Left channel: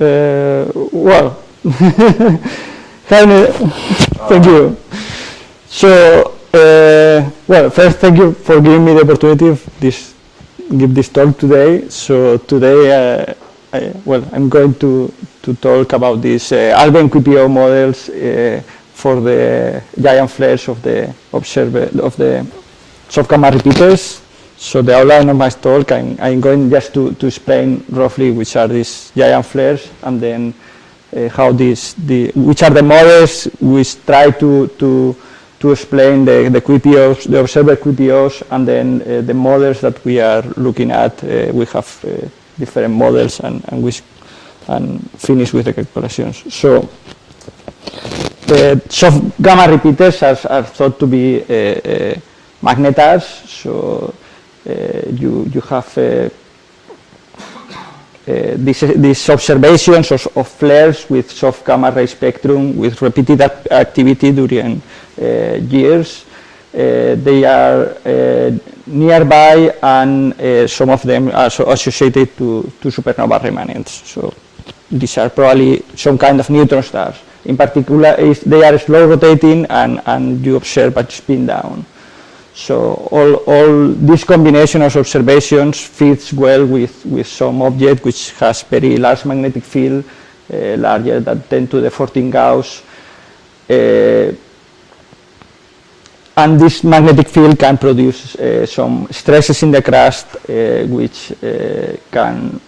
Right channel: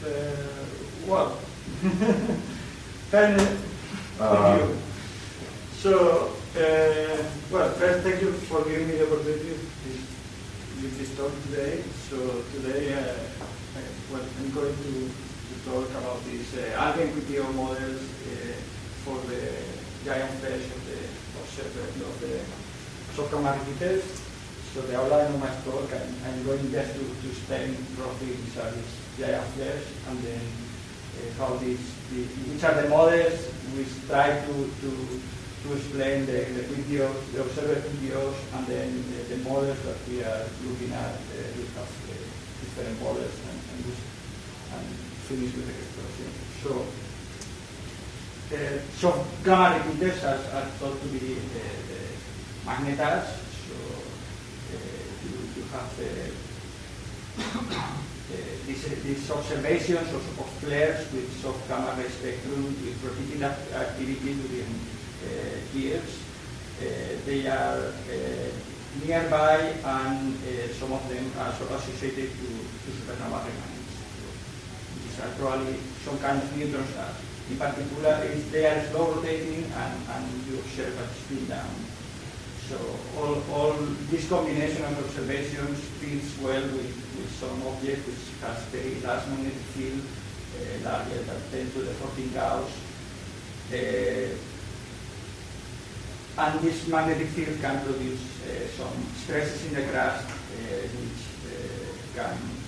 Well, thank you. So, well, first, thank you for giving me the opportunity of give this talk today. So today, I'm going to talk about these Alfvén QPO models for the giant flares of the soft gamma repeaters. So the outline of my talk, I'm going just to explain roughly which are these giant flares, and then how which are the models which try to explain the QPOs, the observer QPOs, and then the models that we are looking at. We have different models, and finish with the calculations. So soft gamma repeaters are thought to be Magnetars. So you have these observations of flares with soft gamma ray spectrum with repeated activity during years. They are nearby, and some of them are associated to supernova remnants. So these are probably some kind of neutron stars. In particular, they are slow rotating, and you observe a spin down. So all this combination of observations fits well with some object which has very large magnetic field, larger than 10 to the 14 Gauss. And this magnetic field can produce some stresses in the crust, which can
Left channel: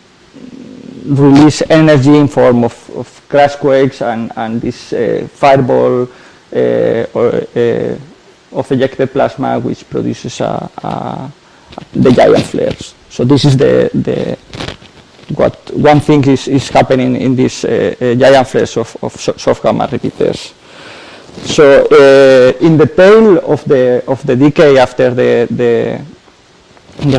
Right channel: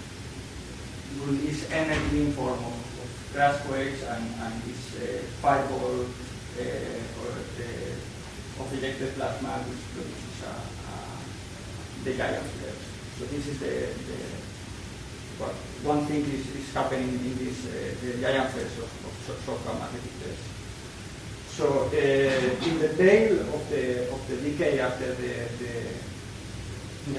release energy in form of crust quakes and this fireball of ejected plasma, which produces the giant flares. So this is what one thing is happening in these giant flares of soft gamma repeaters. So in the tail of the decay after the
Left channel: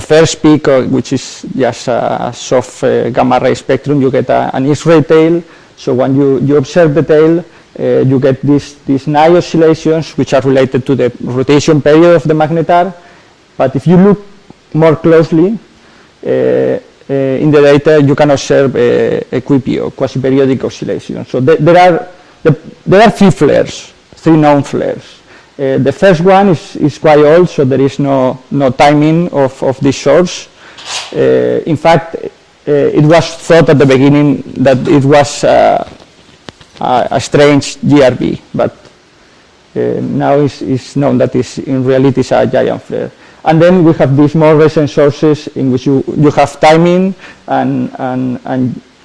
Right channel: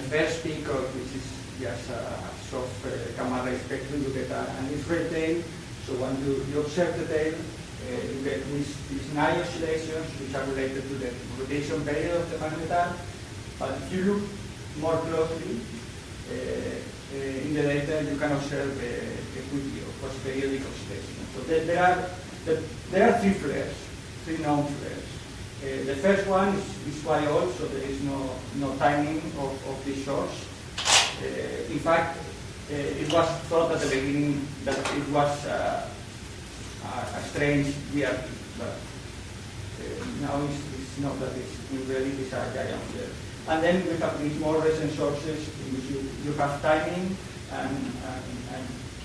first peak, which is just a soft gamma ray spectrum, you get an X-ray tail. So when you observe the tail, you get these nice oscillations which are related to the rotation period of the magnetar. But if you look more closely in the data, you can observe a QPO, quasi-periodic oscillation. So there are three flares, three known flares. The first one is quite old, so there is no timing of this source. In fact, it was thought at the beginning that it was a strange GRB, but now it's known that in reality it's a giant flare. And then we have these more recent sources in which you have timing, and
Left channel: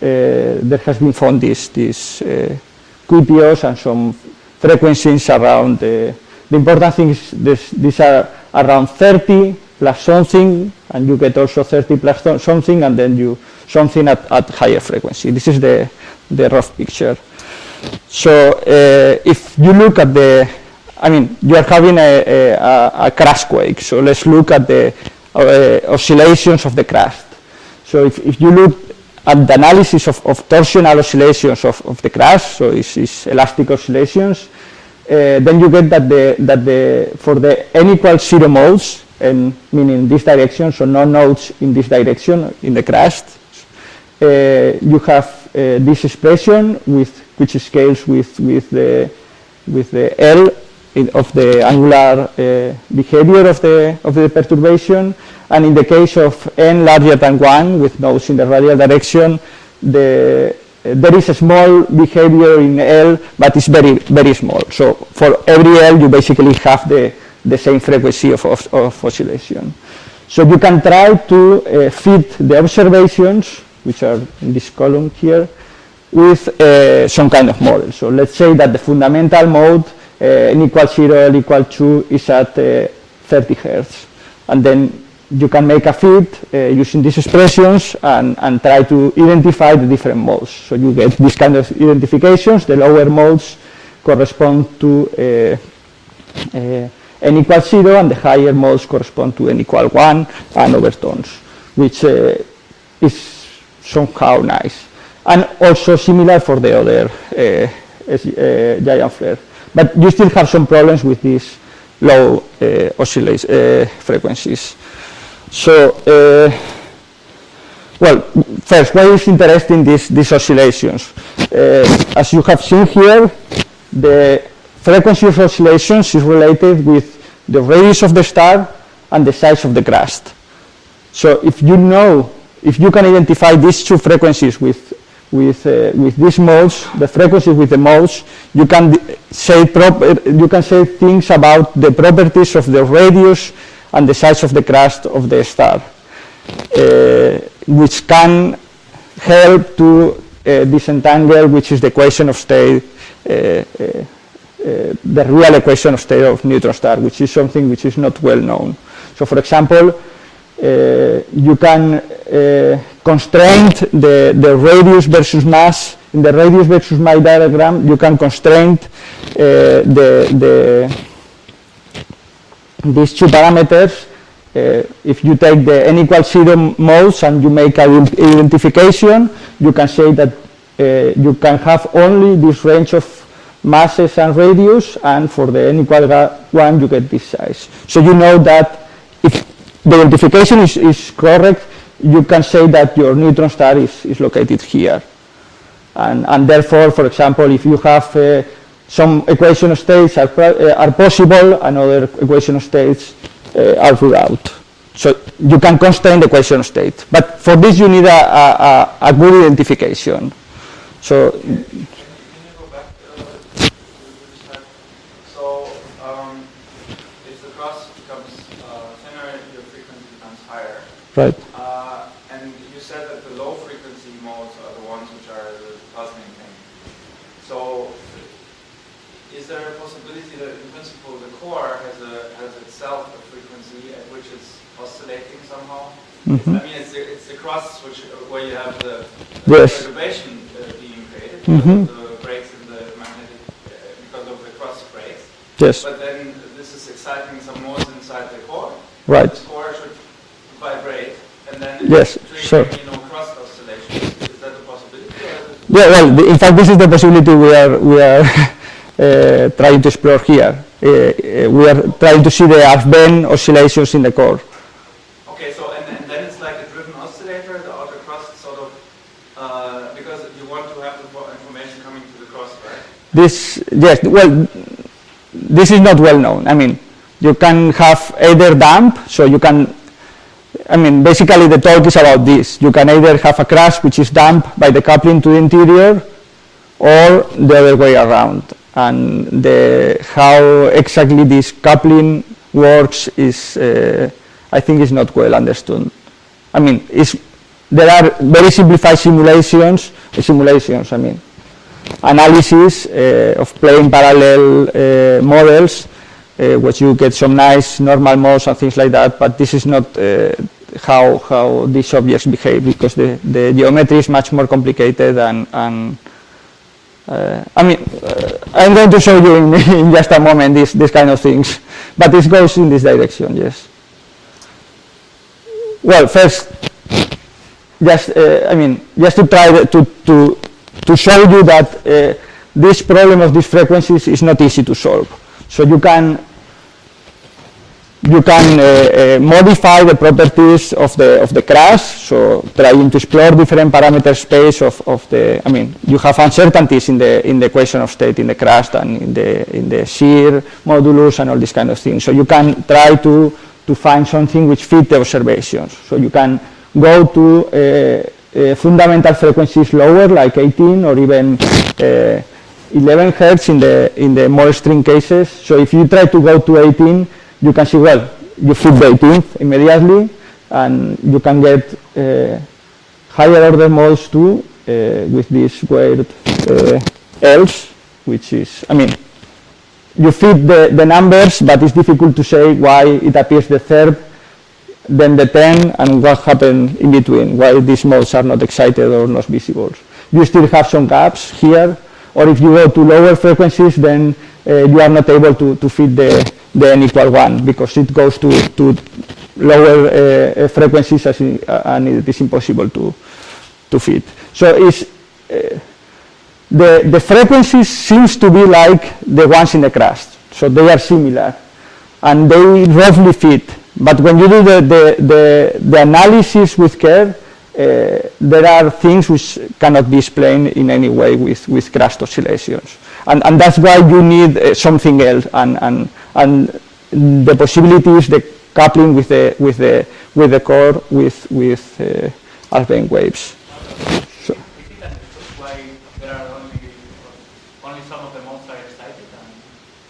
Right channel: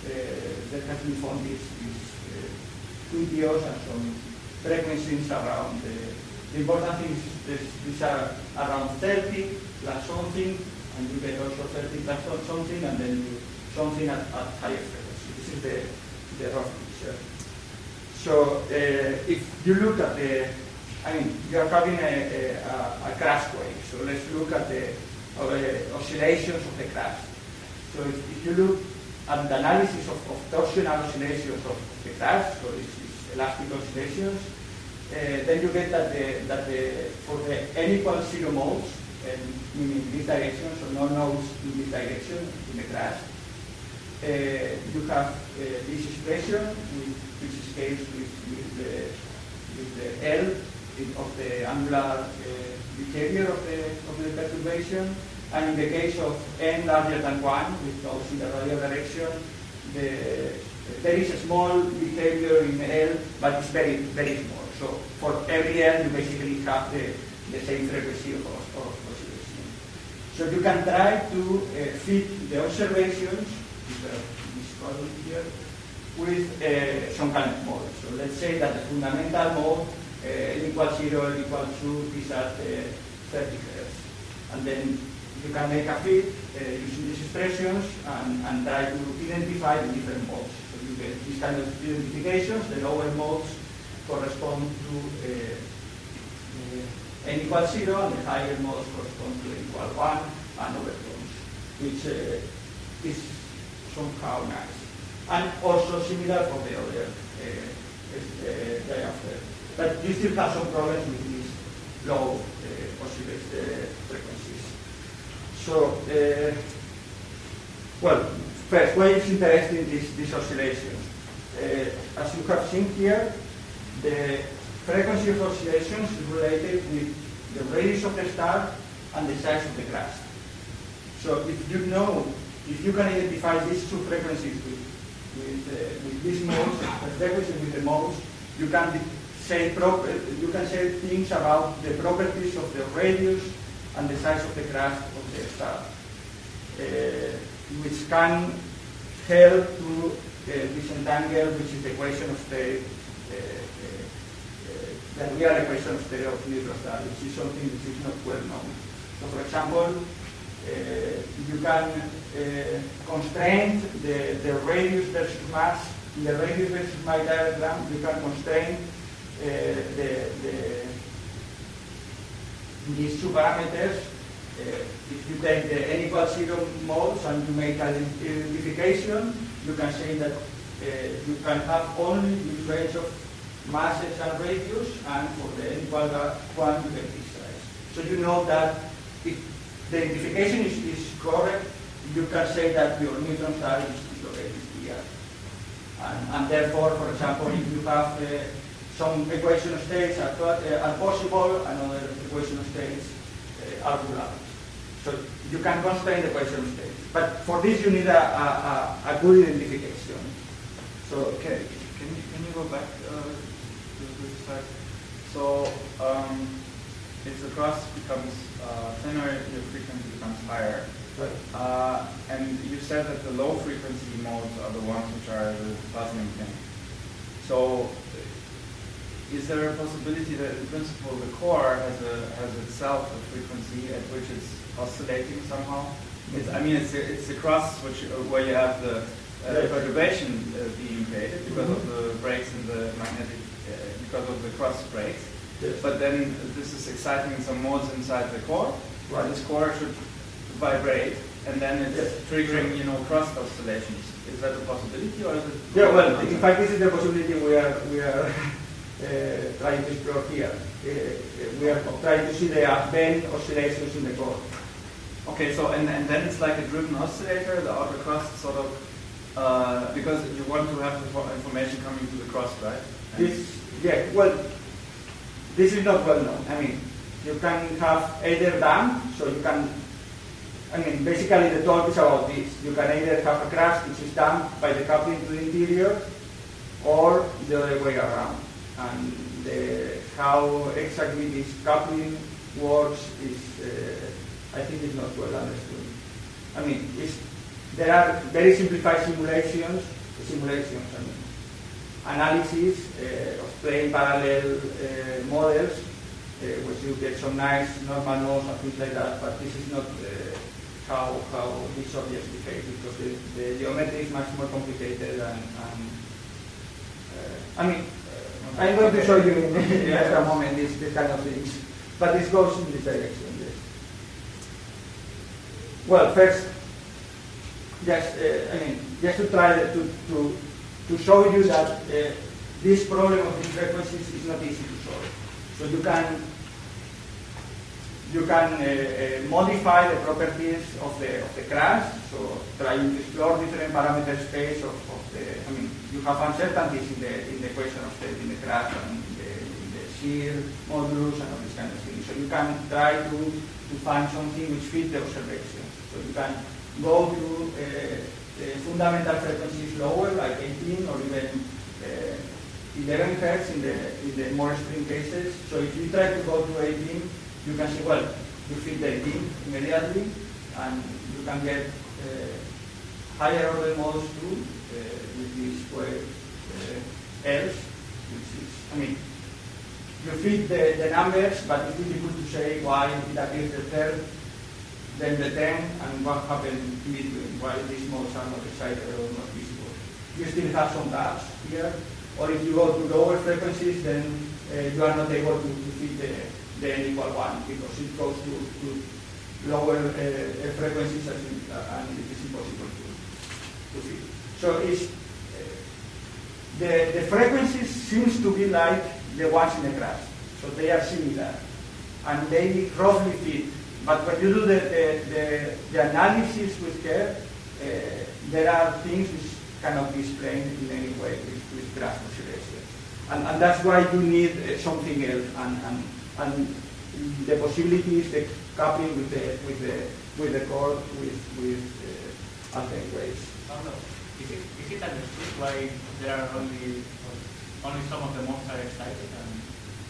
there has been found these QPOs and some frequencies around. The important thing is these are around 30 plus something, and you get also 30 plus something, and then something at higher frequency. This is the rough picture. So if you look at you are having a crust quake. So let's look at the oscillations of the crust. So if you look at the analysis of torsional oscillations of the crust, so it's elastic oscillations, then you get that for the n equals 0 modes, and meaning this direction, so no nodes in this direction in the crust, you have this expression which scales with the L of the angular behavior of the perturbation, and in the case of n larger than 1 with nodes in the radial direction, there is a small behavior in L, but it's very, very small. So for every L, you basically have the same frequency of oscillation. So you can try to fit the observations, which are in this column here, with some kind of model. So let's say that the fundamental mode, n equals 0, L equals 2, is at 30 Hertz. And then you can make a fit using these expressions and try to identify the different modes. So you get this kind of identifications. The lower modes correspond to n equals 0, and the higher modes correspond to n equals 1 and overtones, which is somehow nice. And also similar for the other giant flare. But you still have some problems with these low frequencies. So, well, first, why is interesting these oscillations? As you have seen here, the frequency of oscillations is related with the radius of the star and the size of the crust. So if you can identify these two frequencies with these modes, the frequencies with the modes, you can say things about the properties of the radius and the size of the crust of the star, which can help to disentangle which is the equation of state, the real equation of state of neutron star, which is something which is not well known. So for example, you can constrain the radius versus mass. In the radius versus mass diagram, you can constrain these two parameters. If you take the n equals 0 modes and you make an identification, you can say that you can have only this range of masses and radius, and for the n equal 1 you get this size. So you know that if the identification is correct, you can say that your neutron star is located here. And therefore, for example, if you have some equation of states are possible and other equation of states are ruled out. So you can constrain the equation of state. But for this you need a good identification. So can you go back to start? So if the crust becomes thinner, your frequency becomes higher. Right. And you said that the low frequency modes are the ones which are the puzzling thing. So is there a possibility that in principle the core has itself a frequency at which it's oscillating somehow? Mm-hmm. I mean, it's the crust where you have the yes. perturbation being created because mm-hmm. of the breaks in the magnetic, because of the crust breaks. Yes. But then this is exciting some modes inside the core. Right. This core should vibrate, and then yes. triggering, sure. Crust oscillations. Is that a possibility, or is it? Yeah. Well, in fact, this is the possibility we are trying to explore here. We are trying to see the Alfvén oscillations in the core. Okay, so and then it's like a driven oscillator, the outer crust sort of, because you want to have the information coming to the crust, right? This, yes, well, this is not well known. I mean, you can have either damp, so you can, I mean, basically the talk is about this. You can either have a crust which is damp by the coupling to the interior, or the other way around. And how exactly this coupling works is, I think, is not well understood. I mean, there are very simplified simulations, I mean, analysis of plane parallel models, which you get some nice normal modes and things like that, but this is not how these objects behave, because the geometry is much more complicated and I mean, I'm going to show you in just a moment this kind of things, but this goes in this direction, yes. Well, first, just I mean, just to try to show you that this problem of these frequencies is not easy to solve. So you can modify the properties of the crust, so trying to explore different parameter space of the, I mean, you have uncertainties in the equation of state in the crust and in the shear modulus and all these kind of things. So you can try to find something which fit the observations. So you can go to fundamental frequencies lower, like 18 or even 11 hertz in the more extreme cases. So if you try to go to 18, you can see, well, you fit the 18th immediately, and you can get higher order modes too with this weird else, which is, I mean, you fit the numbers, but it's difficult to say why it appears the third, then the 10, and what happened in between, why these modes are not excited or not visible. You still have some gaps here, or if you go to lower frequencies, then you are not able to fit the n equal 1, because it goes to lower frequencies and it is impossible to fit. So the frequencies seems to be like the ones in the crust. So they are similar and they roughly fit. But when you do the analysis with care, there are things which cannot be explained in any way with crust oscillations. And that's why you need something else. And the possibility is the coupling with the core with Alfvén waves. So. Is it that why there are only some of the modes are excited, and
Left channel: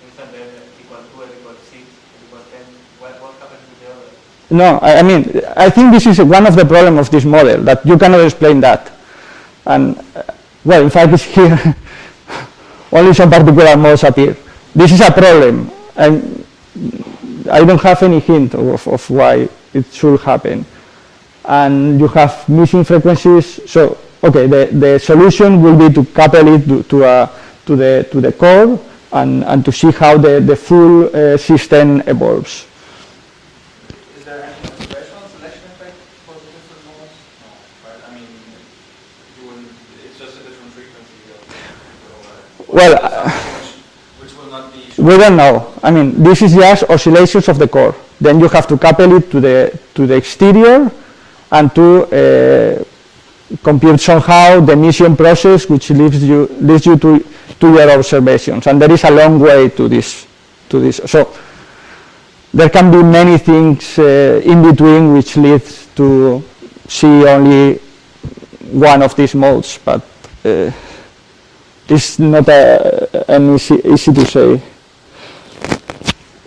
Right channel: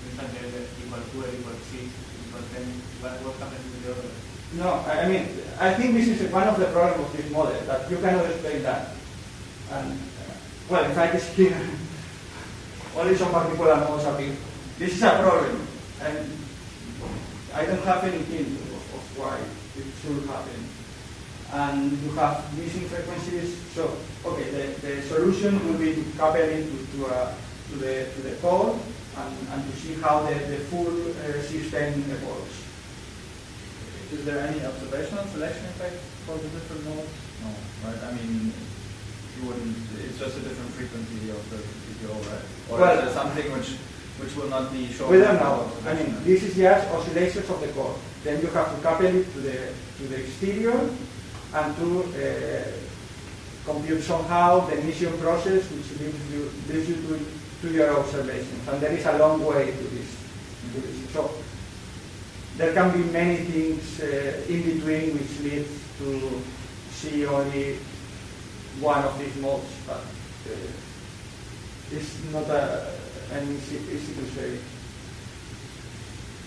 instead they're equal 2, equal 6, equal 10? What happens with the others? No, I mean, I think this is one of the problems of this model, that you cannot explain that. And, well, in fact, it's here. Only some particular modes appear. This is a problem. And I don't have any hint of why it should happen. And you have missing frequencies. So, okay, the solution will be to couple it to the core and to see how the full system evolves. Is there any observational selection effect for the different modes? No, right? I mean, it's just a different frequency of the overhead. Well, which will not be. We don't know. I mean, this is just oscillations of the core. Then you have to couple it to the exterior and to compute somehow the emission process, which leads you to your observations. And there is a long way to this. So there can be many things in between which leads to see only one of these modes, but it's not easy to say.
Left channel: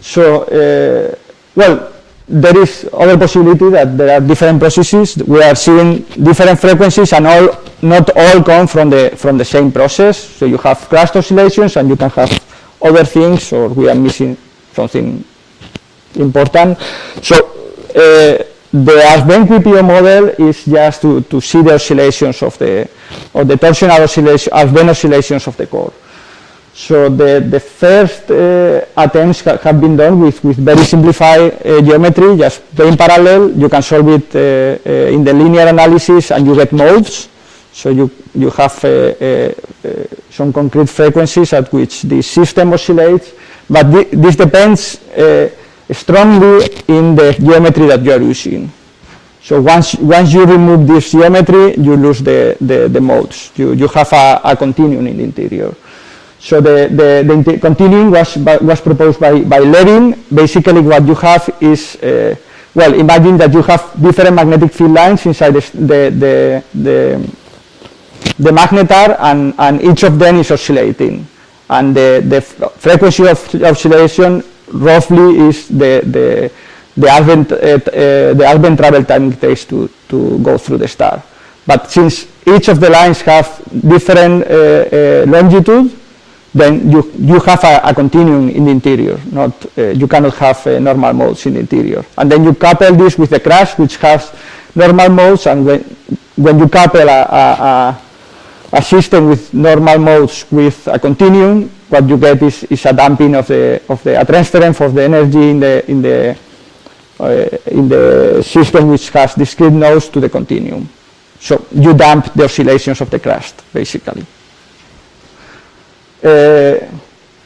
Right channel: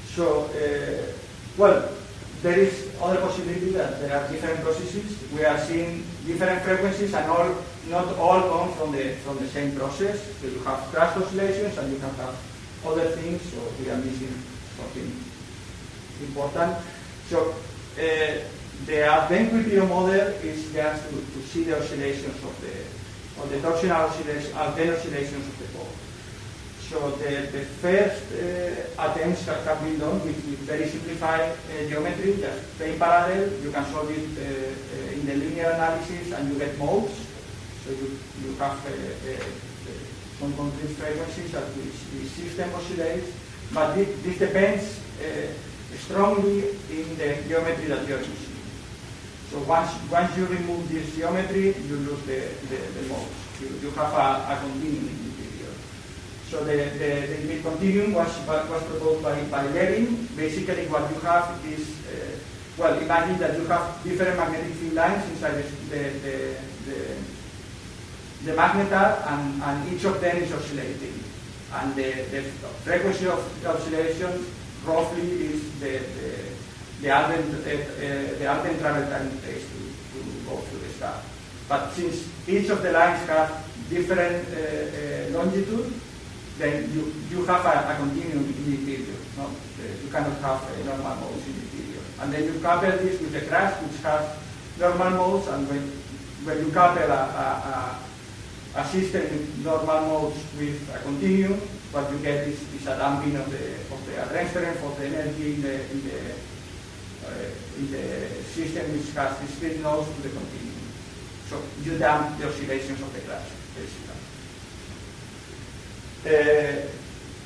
So, well, there is other possibility that there are different processes. We are seeing different frequencies, and not all come from the same process. So you have crust oscillations, and you can have other things, or we are missing something important. So the Alfvén QPO model is just to see the oscillations of the torsional oscillation, Alfvén oscillations of the core. So the first attempts have been done with very simplified geometry, just plain parallel. You can solve it in the linear analysis, and you get modes. So you have some concrete frequencies at which the system oscillates, but this depends strongly in the geometry that you are using. So once you remove this geometry, you lose the modes. You have a continuum in the interior. So the continuum was proposed by Levin. Basically, what you have is, well, imagine that you have different magnetic field lines inside the magnetar, and each of them is oscillating. And the frequency of oscillation roughly is the Alfvén travel time it takes to go through the star. But since each of the lines have different longitude, then you have a continuum in the interior. You cannot have normal modes in the interior. And then you couple this with the crust, which has normal modes, and when you couple a system with normal modes with a continuum, what you get is a damping of a transference of the energy in the system which has discrete nodes to the continuum. So you damp the oscillations of the crust, basically.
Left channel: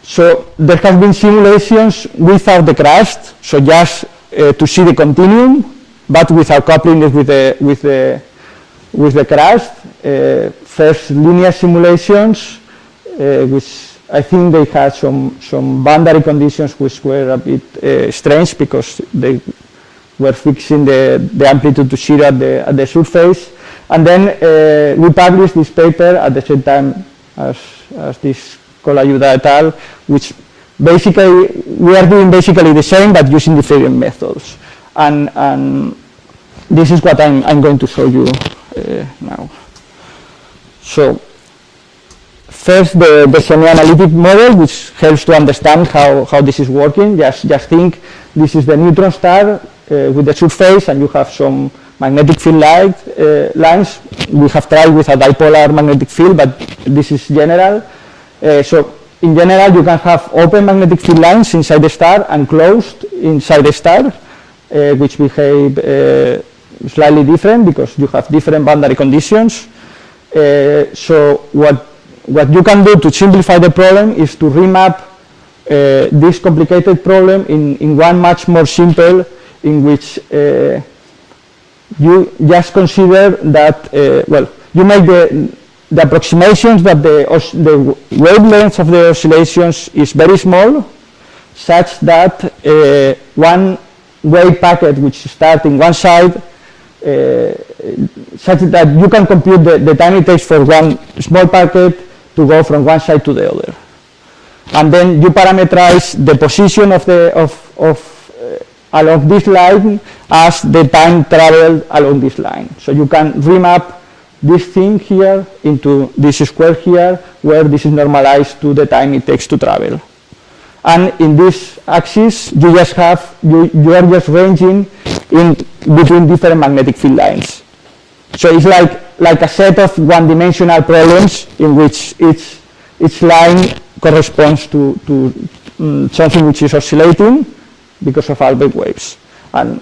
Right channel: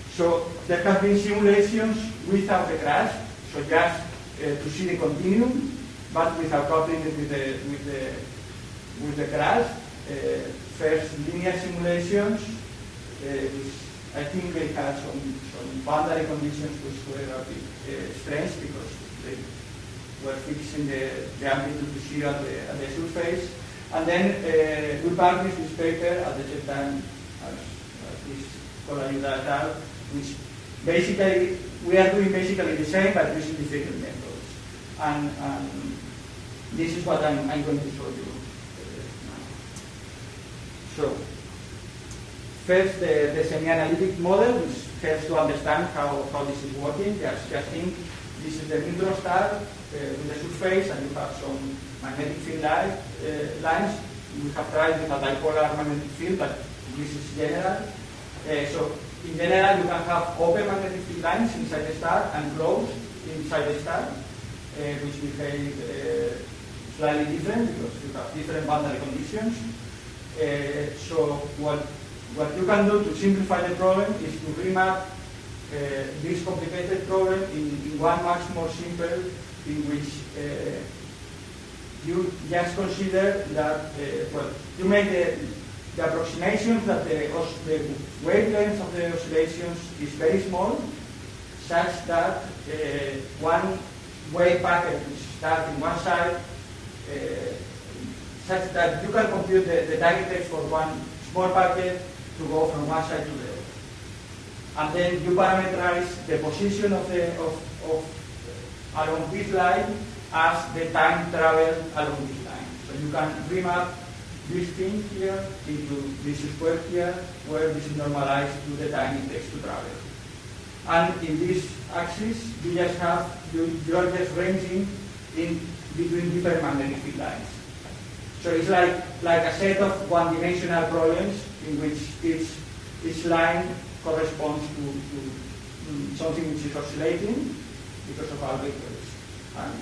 So there have been simulations without the crust, so just to see the continuum, but without coupling it with the crust. First linear simulations, which I think they had some boundary conditions which were a bit strange, because they were fixing the amplitude to 0 at the surface. And then we published this paper at the same time as this Colayuda et al., which basically we are doing basically the same but using different methods. And this is what I'm going to show you now. So first, the semi-analytic model, which helps to understand how this is working. Just think this is the neutron star with the surface, and you have some magnetic field lines. We have tried with a dipolar magnetic field, but this is general. So in general, you can have open magnetic field lines inside the star and closed inside the star, which behave slightly different because you have different boundary conditions. So what you can do to simplify the problem is to remap this complicated problem in one much more simple, in which you just consider that, well, you make the approximations that the wavelength of the oscillations is very small, such that one wave packet which starts in one side, such that you can compute the time it takes for one small packet to go from one side to the other. And then you parameterize the position of along this line as the time traveled along this line. So you can remap this thing here into this square here, where this is normalized to the time it takes to travel. And in this axis, you just have, you are just ranging in between different magnetic field lines. So it's like a set of one-dimensional problems in which each line corresponds to something which is oscillating because of Alfvén waves. And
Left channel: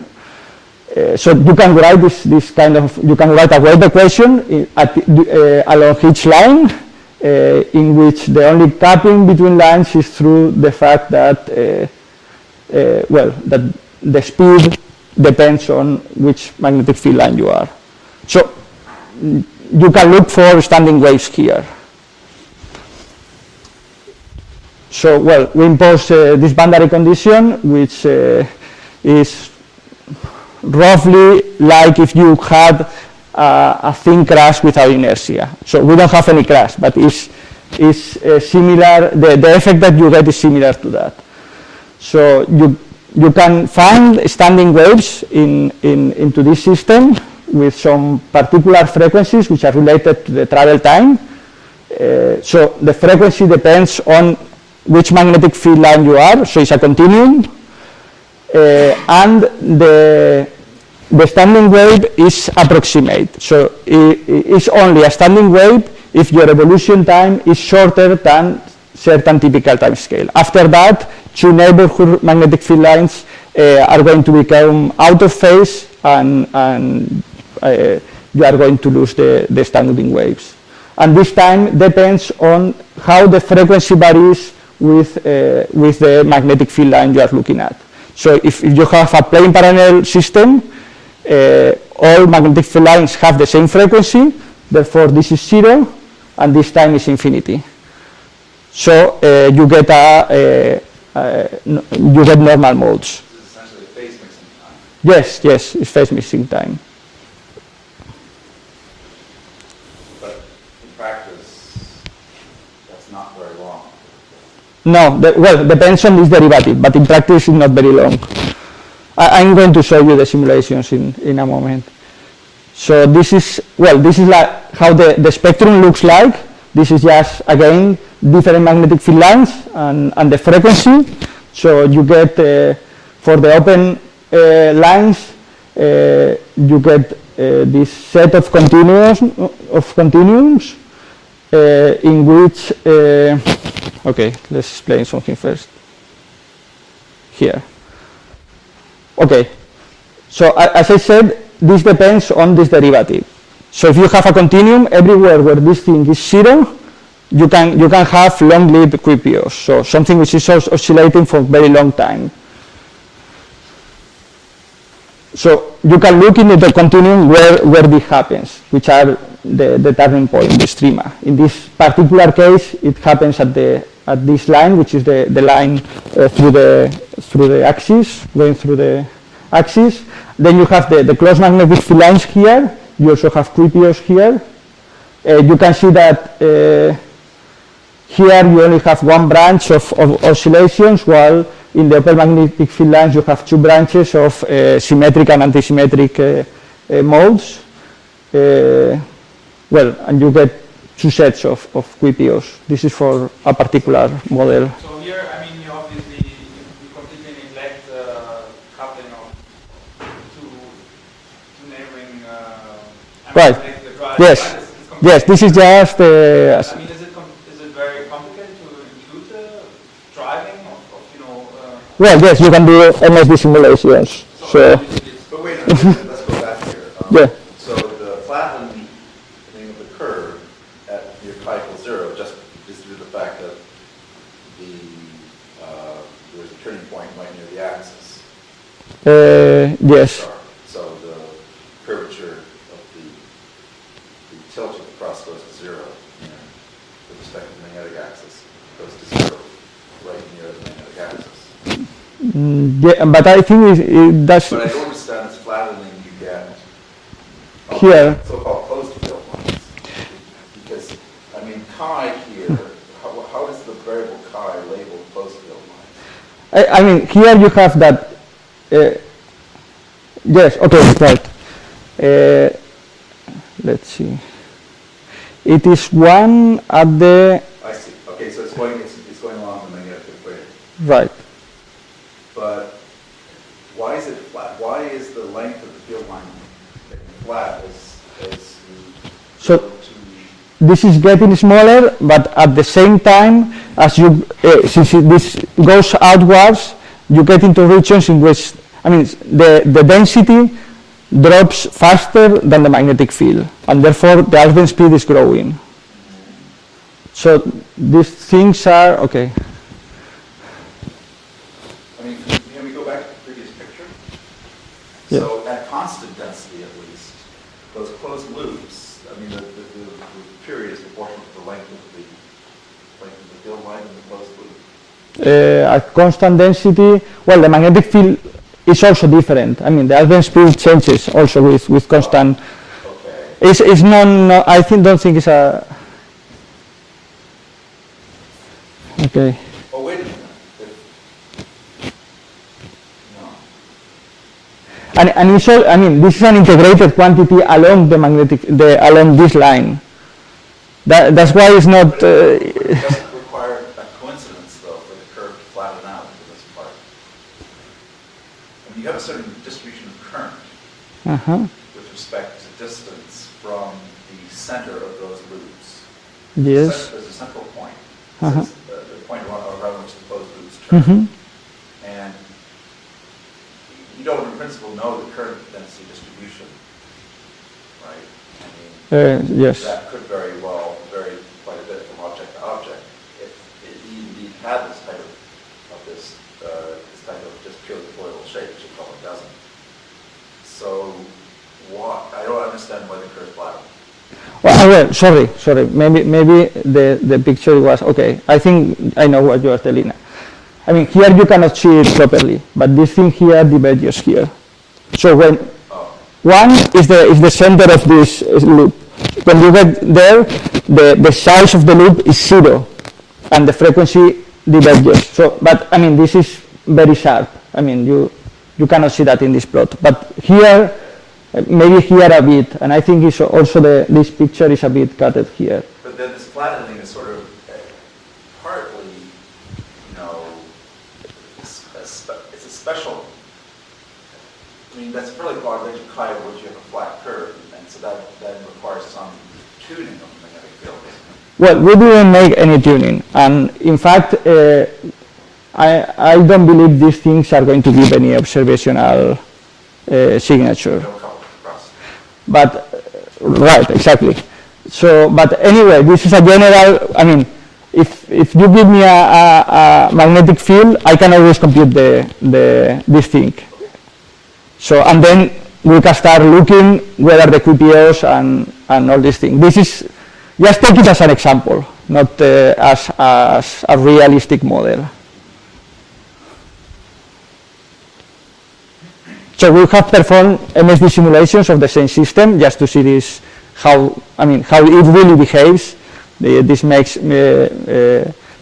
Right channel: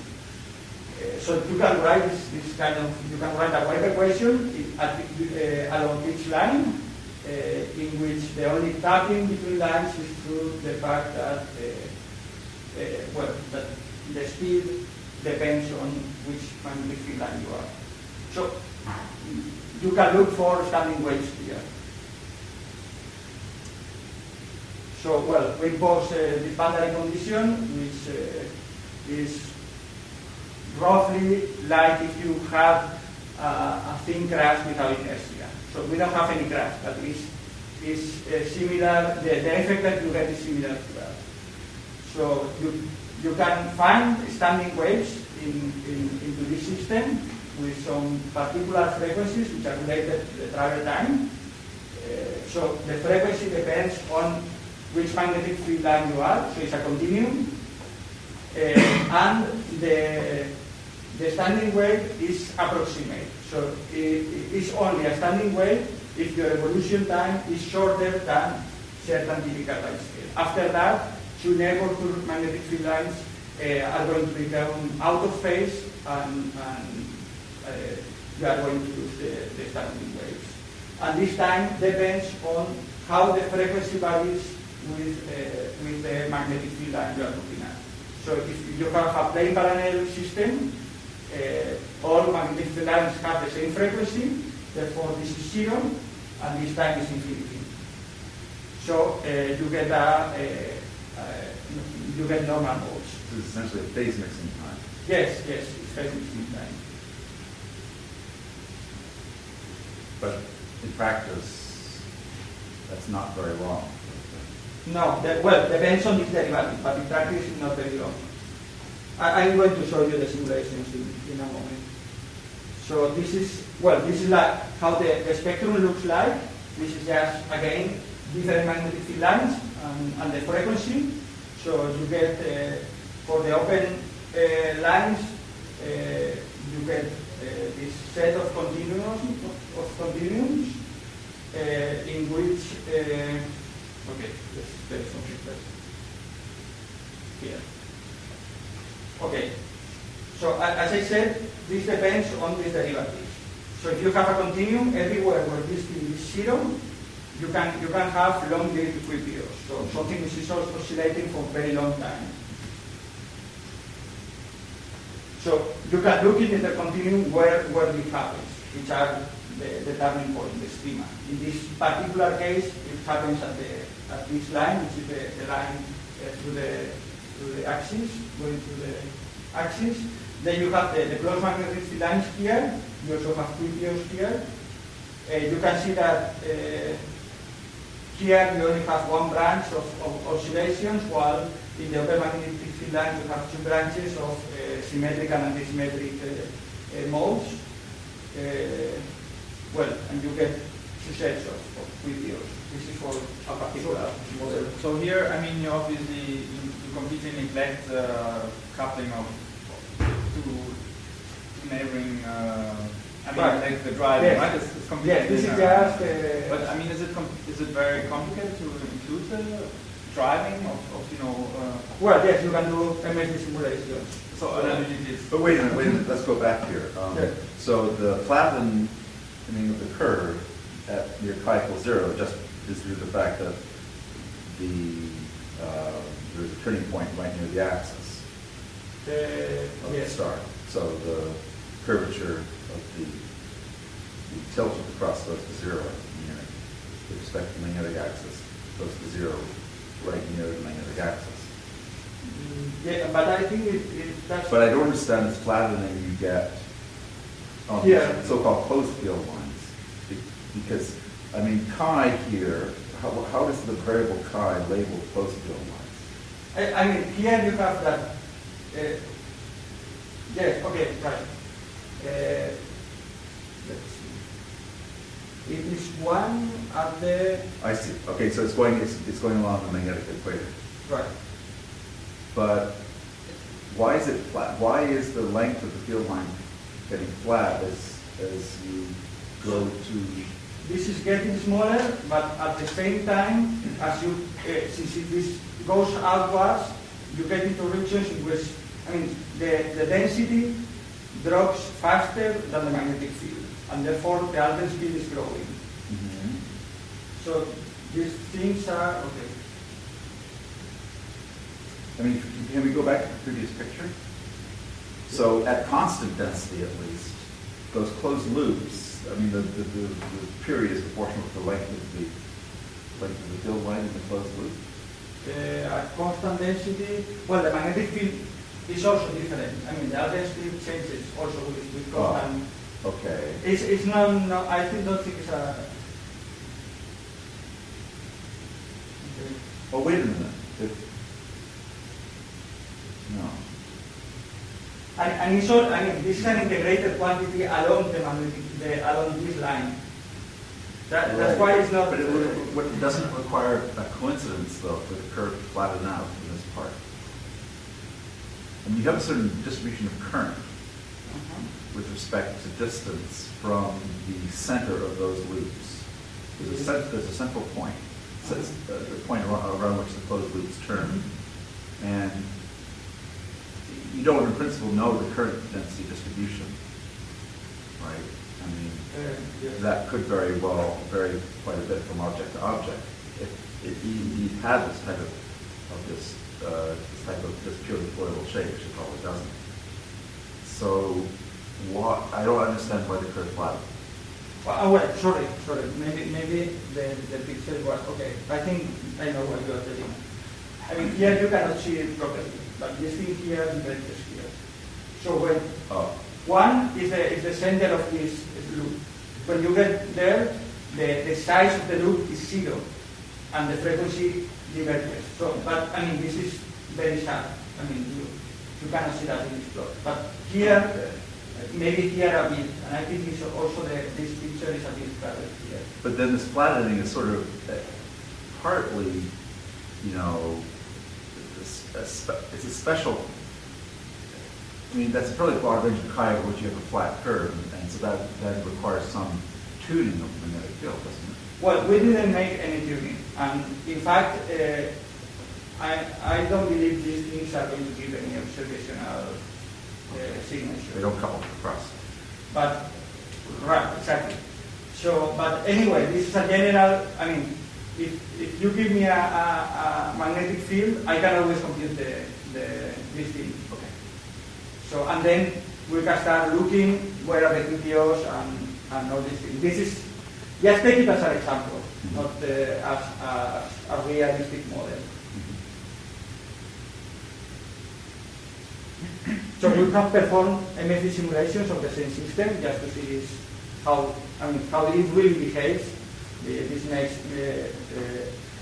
so you can write this kind of, you can write a wave equation along each line, in which the only capping between lines is through the fact that, well, that the speed depends on which magnetic field line you are. So you can look for standing waves here. So, well, we impose this boundary condition, which is roughly like if you had a thin crust without inertia. So we don't have any crust, but it's similar, the effect that you get is similar to that. So you can find standing waves into this system with some particular frequencies which are related to the travel time. So the frequency depends on which magnetic field line you are, so it's a continuum. And the standing wave is approximate. So it's only a standing wave if your evolution time is shorter than certain typical time scale. After that, two neighborhood magnetic field lines are going to become out of phase, and you are going to lose the standing waves. And this time depends on how the frequency varies with the magnetic field line you are looking at. So if you have a plane parallel system, all magnetic field lines have the same frequency, therefore this is 0, and this time is infinity. So you get normal modes. This is essentially phase mixing time. Yes, it's phase mixing time. But in practice, that's not very long. No, well, it depends on this derivative, but in practice it's not very long. I'm going to show you the simulations in a moment. So this is like how the spectrum looks like. This is just, again, different magnetic field lines and the frequency. So you get, for the open lines, you get this set of continuums in which, okay, let's explain something first. Here. Okay, so as I said, this depends on this derivative. So if you have a continuum, everywhere where this thing is 0, you can have long-lived QPOs, so something which is oscillating for a very long time. So you can look into the continuum where this happens, which are the turning point, the streamer. In this particular case, it happens at this line, which is the line through the axis, going through the axis. Then you have the closed magnetic field lines here. You also have QPOs here. You can see that here you only have one branch of oscillations, while in the open magnetic field lines you have two branches of symmetric and antisymmetric modes. Well, and you get two sets of QPOs. This is for a particular model. So here, I mean, you obviously you completely neglect coupling of two neighboring. Right. Like the drive, yes. Right? It's yes. This is just. I mean, is it very complicated to include driving of Well, yes, you can do MSD simulations. So. But wait a minute, let's go back here. Yeah. So the flattening of the curve at your pi equals 0 just is due to the fact that there's a turning point right near the axis. Yes. So curvature of the tilt of the crust goes to zero near, with respect to the magnetic axis, goes to zero right near the magnetic axis. Yeah, but I think it does. But I don't understand this flattening you get on here. So-called closed field lines. Because, I mean, chi here, how does the variable chi label closed field lines? I mean, here you have that. Yes, okay, right. Let's see. It is one at the. I see. Okay, so it's going along the magnetic equator. Right. But why is it flat? Why is the length of the field line getting flat as you So- go to This is getting smaller, but at the same time, as you, since this goes outwards, you get into regions in which, I mean, the density drops faster than the magnetic field, and therefore the Alfvén speed is growing. So these things are, okay. I mean, can we go back to the previous picture? Yeah. So at constant density, at least, those closed loops, I mean, the period is proportional to the length of the field line in the closed loop? At constant density, well, the magnetic field is also different. I mean, the Alfvén speed changes also with constant. Okay. It's not, I don't think it's a. Okay. Oh, wait a minute. No. And it's all, I mean, this is an integrated quantity along the magnetic, along this line. That's why it's not. But it doesn't require a coincidence, though, for the curve to flatten out in this part. And you have a certain distribution of current with respect to distance from the center of those loops. Yes. There's a central point, Uh-huh. the point around which the closed loops turn. And you don't, in principle, know the current density distribution, right? I mean, Yes. that could vary quite a bit from object to object. If you had this type of just purely colloidal shape, which it probably doesn't. So I don't understand why the curve flattened. Well, sorry. Maybe the picture was, okay, I think I know what you are telling. I mean, here you cannot see it properly, but this thing here diverges here. So when one is the center of this loop. When you get there, the size of the loop is 0, and the frequency diverges. So, but I mean, this is very sharp. I mean, you cannot see that in this plot. But here, maybe here a bit, and I think it's also this picture is a bit cutted here. But then this flattening is sort of partly, you know, it's a special. I mean, that's a fairly broad range of chi over which you have a flat curve, and so that requires some tuning of the magnetic field, doesn't it? Well, we didn't make any tuning, and in fact, I don't believe these things are going to give any observational signature. No couple of Crust. But, right, exactly. So, but anyway, this is a general, I mean, if you give me a magnetic field, I can always compute this thing. So, and then we can start looking whether the QPOs and all these things. This is, just take it as an example, not as a realistic model. So we have performed MSD simulations of the same system just to see this, how it really behaves. This makes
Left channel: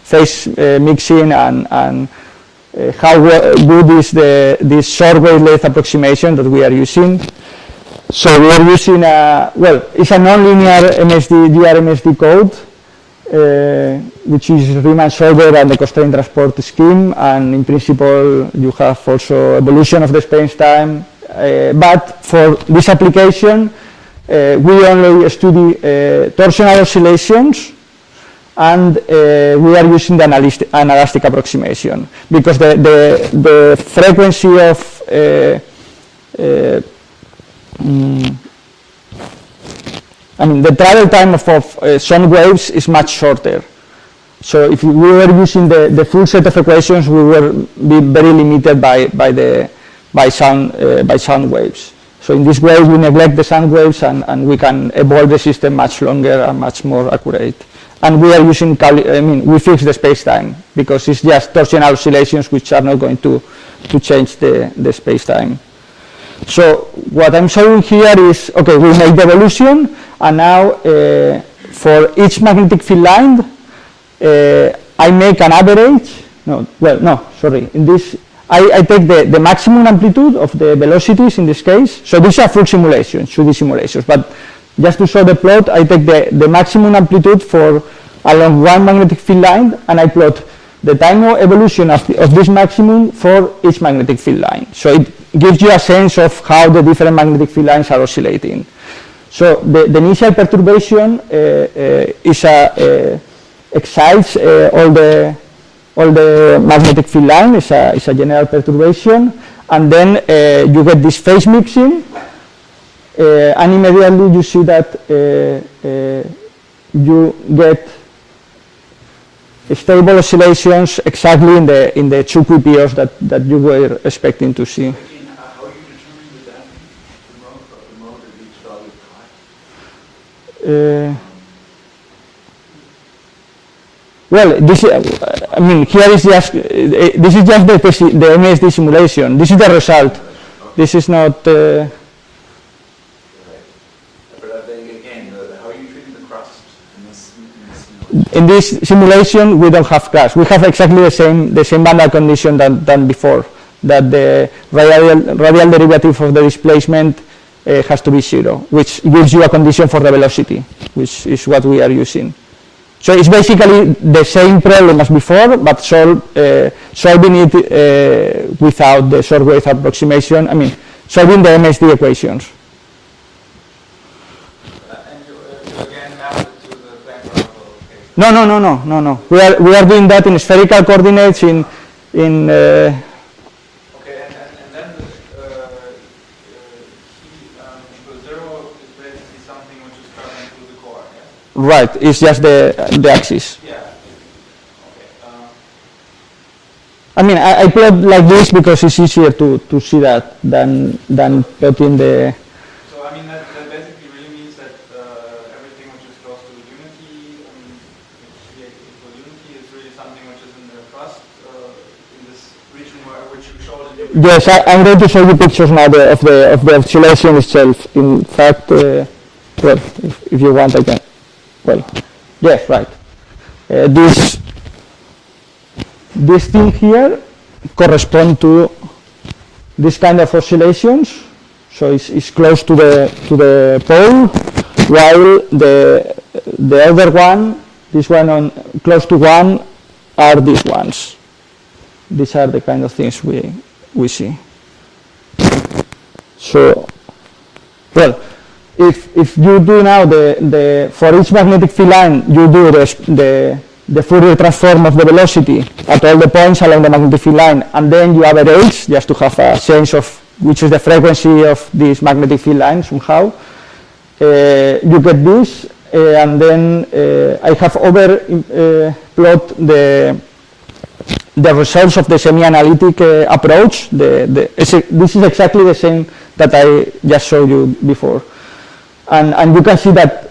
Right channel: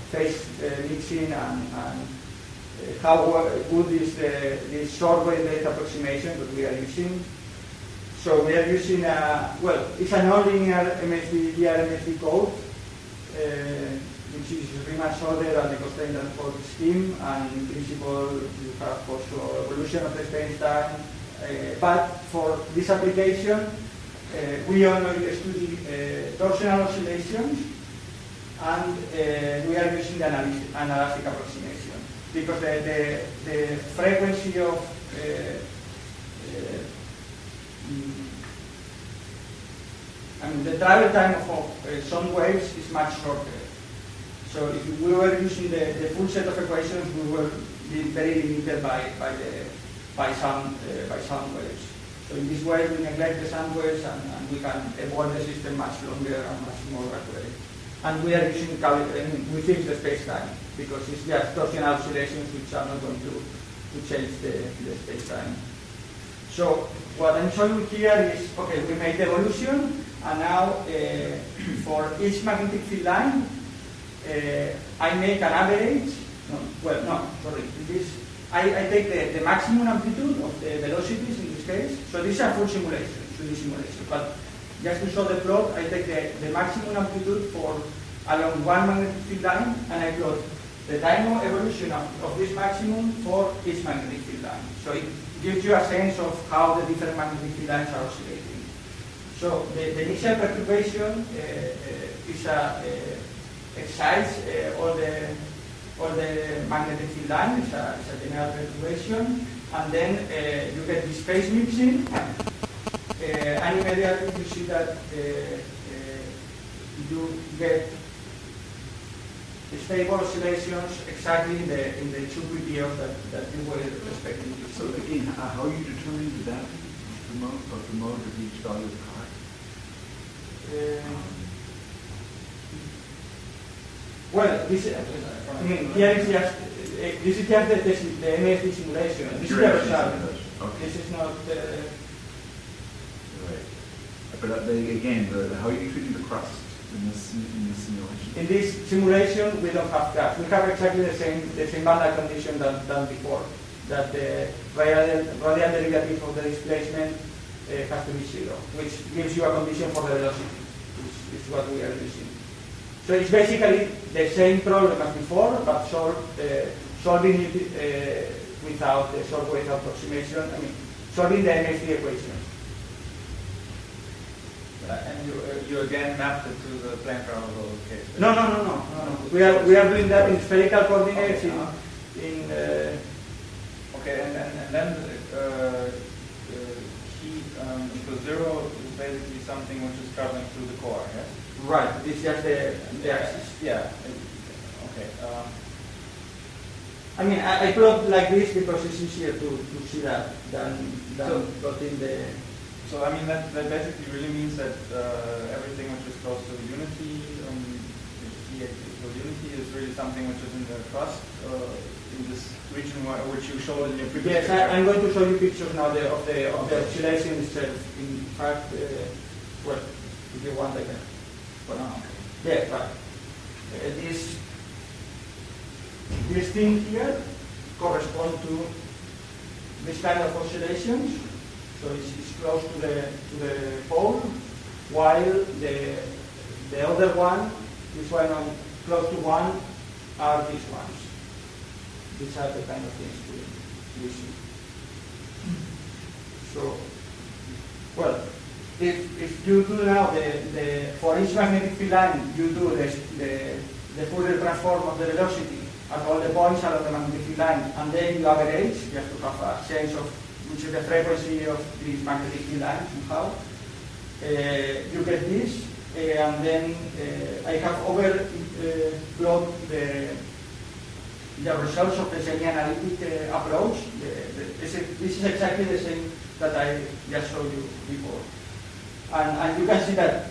phase mixing and how good is this short wavelength approximation that we are using. So we are using it's a nonlinear GRMSD code, which is Riemann-Solver and the constraint transport scheme, and in principle you have also evolution of the space-time. But for this application, we only study torsional oscillations, and we are using the anelastic approximation because the frequency of the travel time of sound waves is much shorter. So if we were using the full set of equations, we will be very limited by sound waves. So in this way, we neglect the sound waves, and we can evolve the system much longer and much more accurate. And we are using, we fix the space-time, because it's just torsional oscillations which are not going to change the space-time. So what I'm showing here is, okay, we make the evolution, and now for each magnetic field line, I make an average. In this, I take the maximum amplitude of the velocities in this case. So these are full simulations, 2D simulations, but just to show the plot, I take the maximum amplitude for along one magnetic field line, and I plot the time of evolution of this maximum for each magnetic field line. So it gives you a sense of how the different magnetic field lines are oscillating. So the initial perturbation excites all the magnetic field line. Is a general perturbation, and then you get this phase mixing, and immediately you see that you get stable oscillations exactly in the 2 QPOs that you were expecting to see. Again, how are you determining the damping of the mode of each value of pi? Well, this, here is just, this is just the MSD simulation. This is the result. Okay. This is not... Right. But then again, how are you treating the crust in this simulation? In this simulation, we don't have crust. We have exactly the same boundary condition than before, that the radial derivative of the displacement has to be 0, which gives you a condition for the velocity, which is what we are using. So it's basically the same problem as before, but solving it without the short wave approximation. Solving the MSD equations. And you again map it to the plane parallel case? No. We are doing that in spherical coordinates in Okay, and then equals 0 is basically something which is traveling through the core, yes? right. It's just the axis. Yeah. Okay. I plot like this because it's easier to see that than plotting the. So that basically really means that everything which is close to unity, C equal unity, is really something which is in the crust, in this region which you showed in your. Yes, I'm going to show you pictures now of the oscillation itself. In fact, well, if you want, I can. Well, yes, right. This thing here corresponds to this kind of oscillations. So it's close to the pole, while the other one, this one close to 1, are these ones. These are the kind of things we see. So, well, if you do now for each magnetic field line, you do the Fourier transform of the velocity at all the points along the magnetic field line, and then you average just to have a sense of which is the frequency of this magnetic field line somehow. You get this, and then I have plot the results of the semi-analytic approach. This is exactly the same that I just showed you before. And you can see that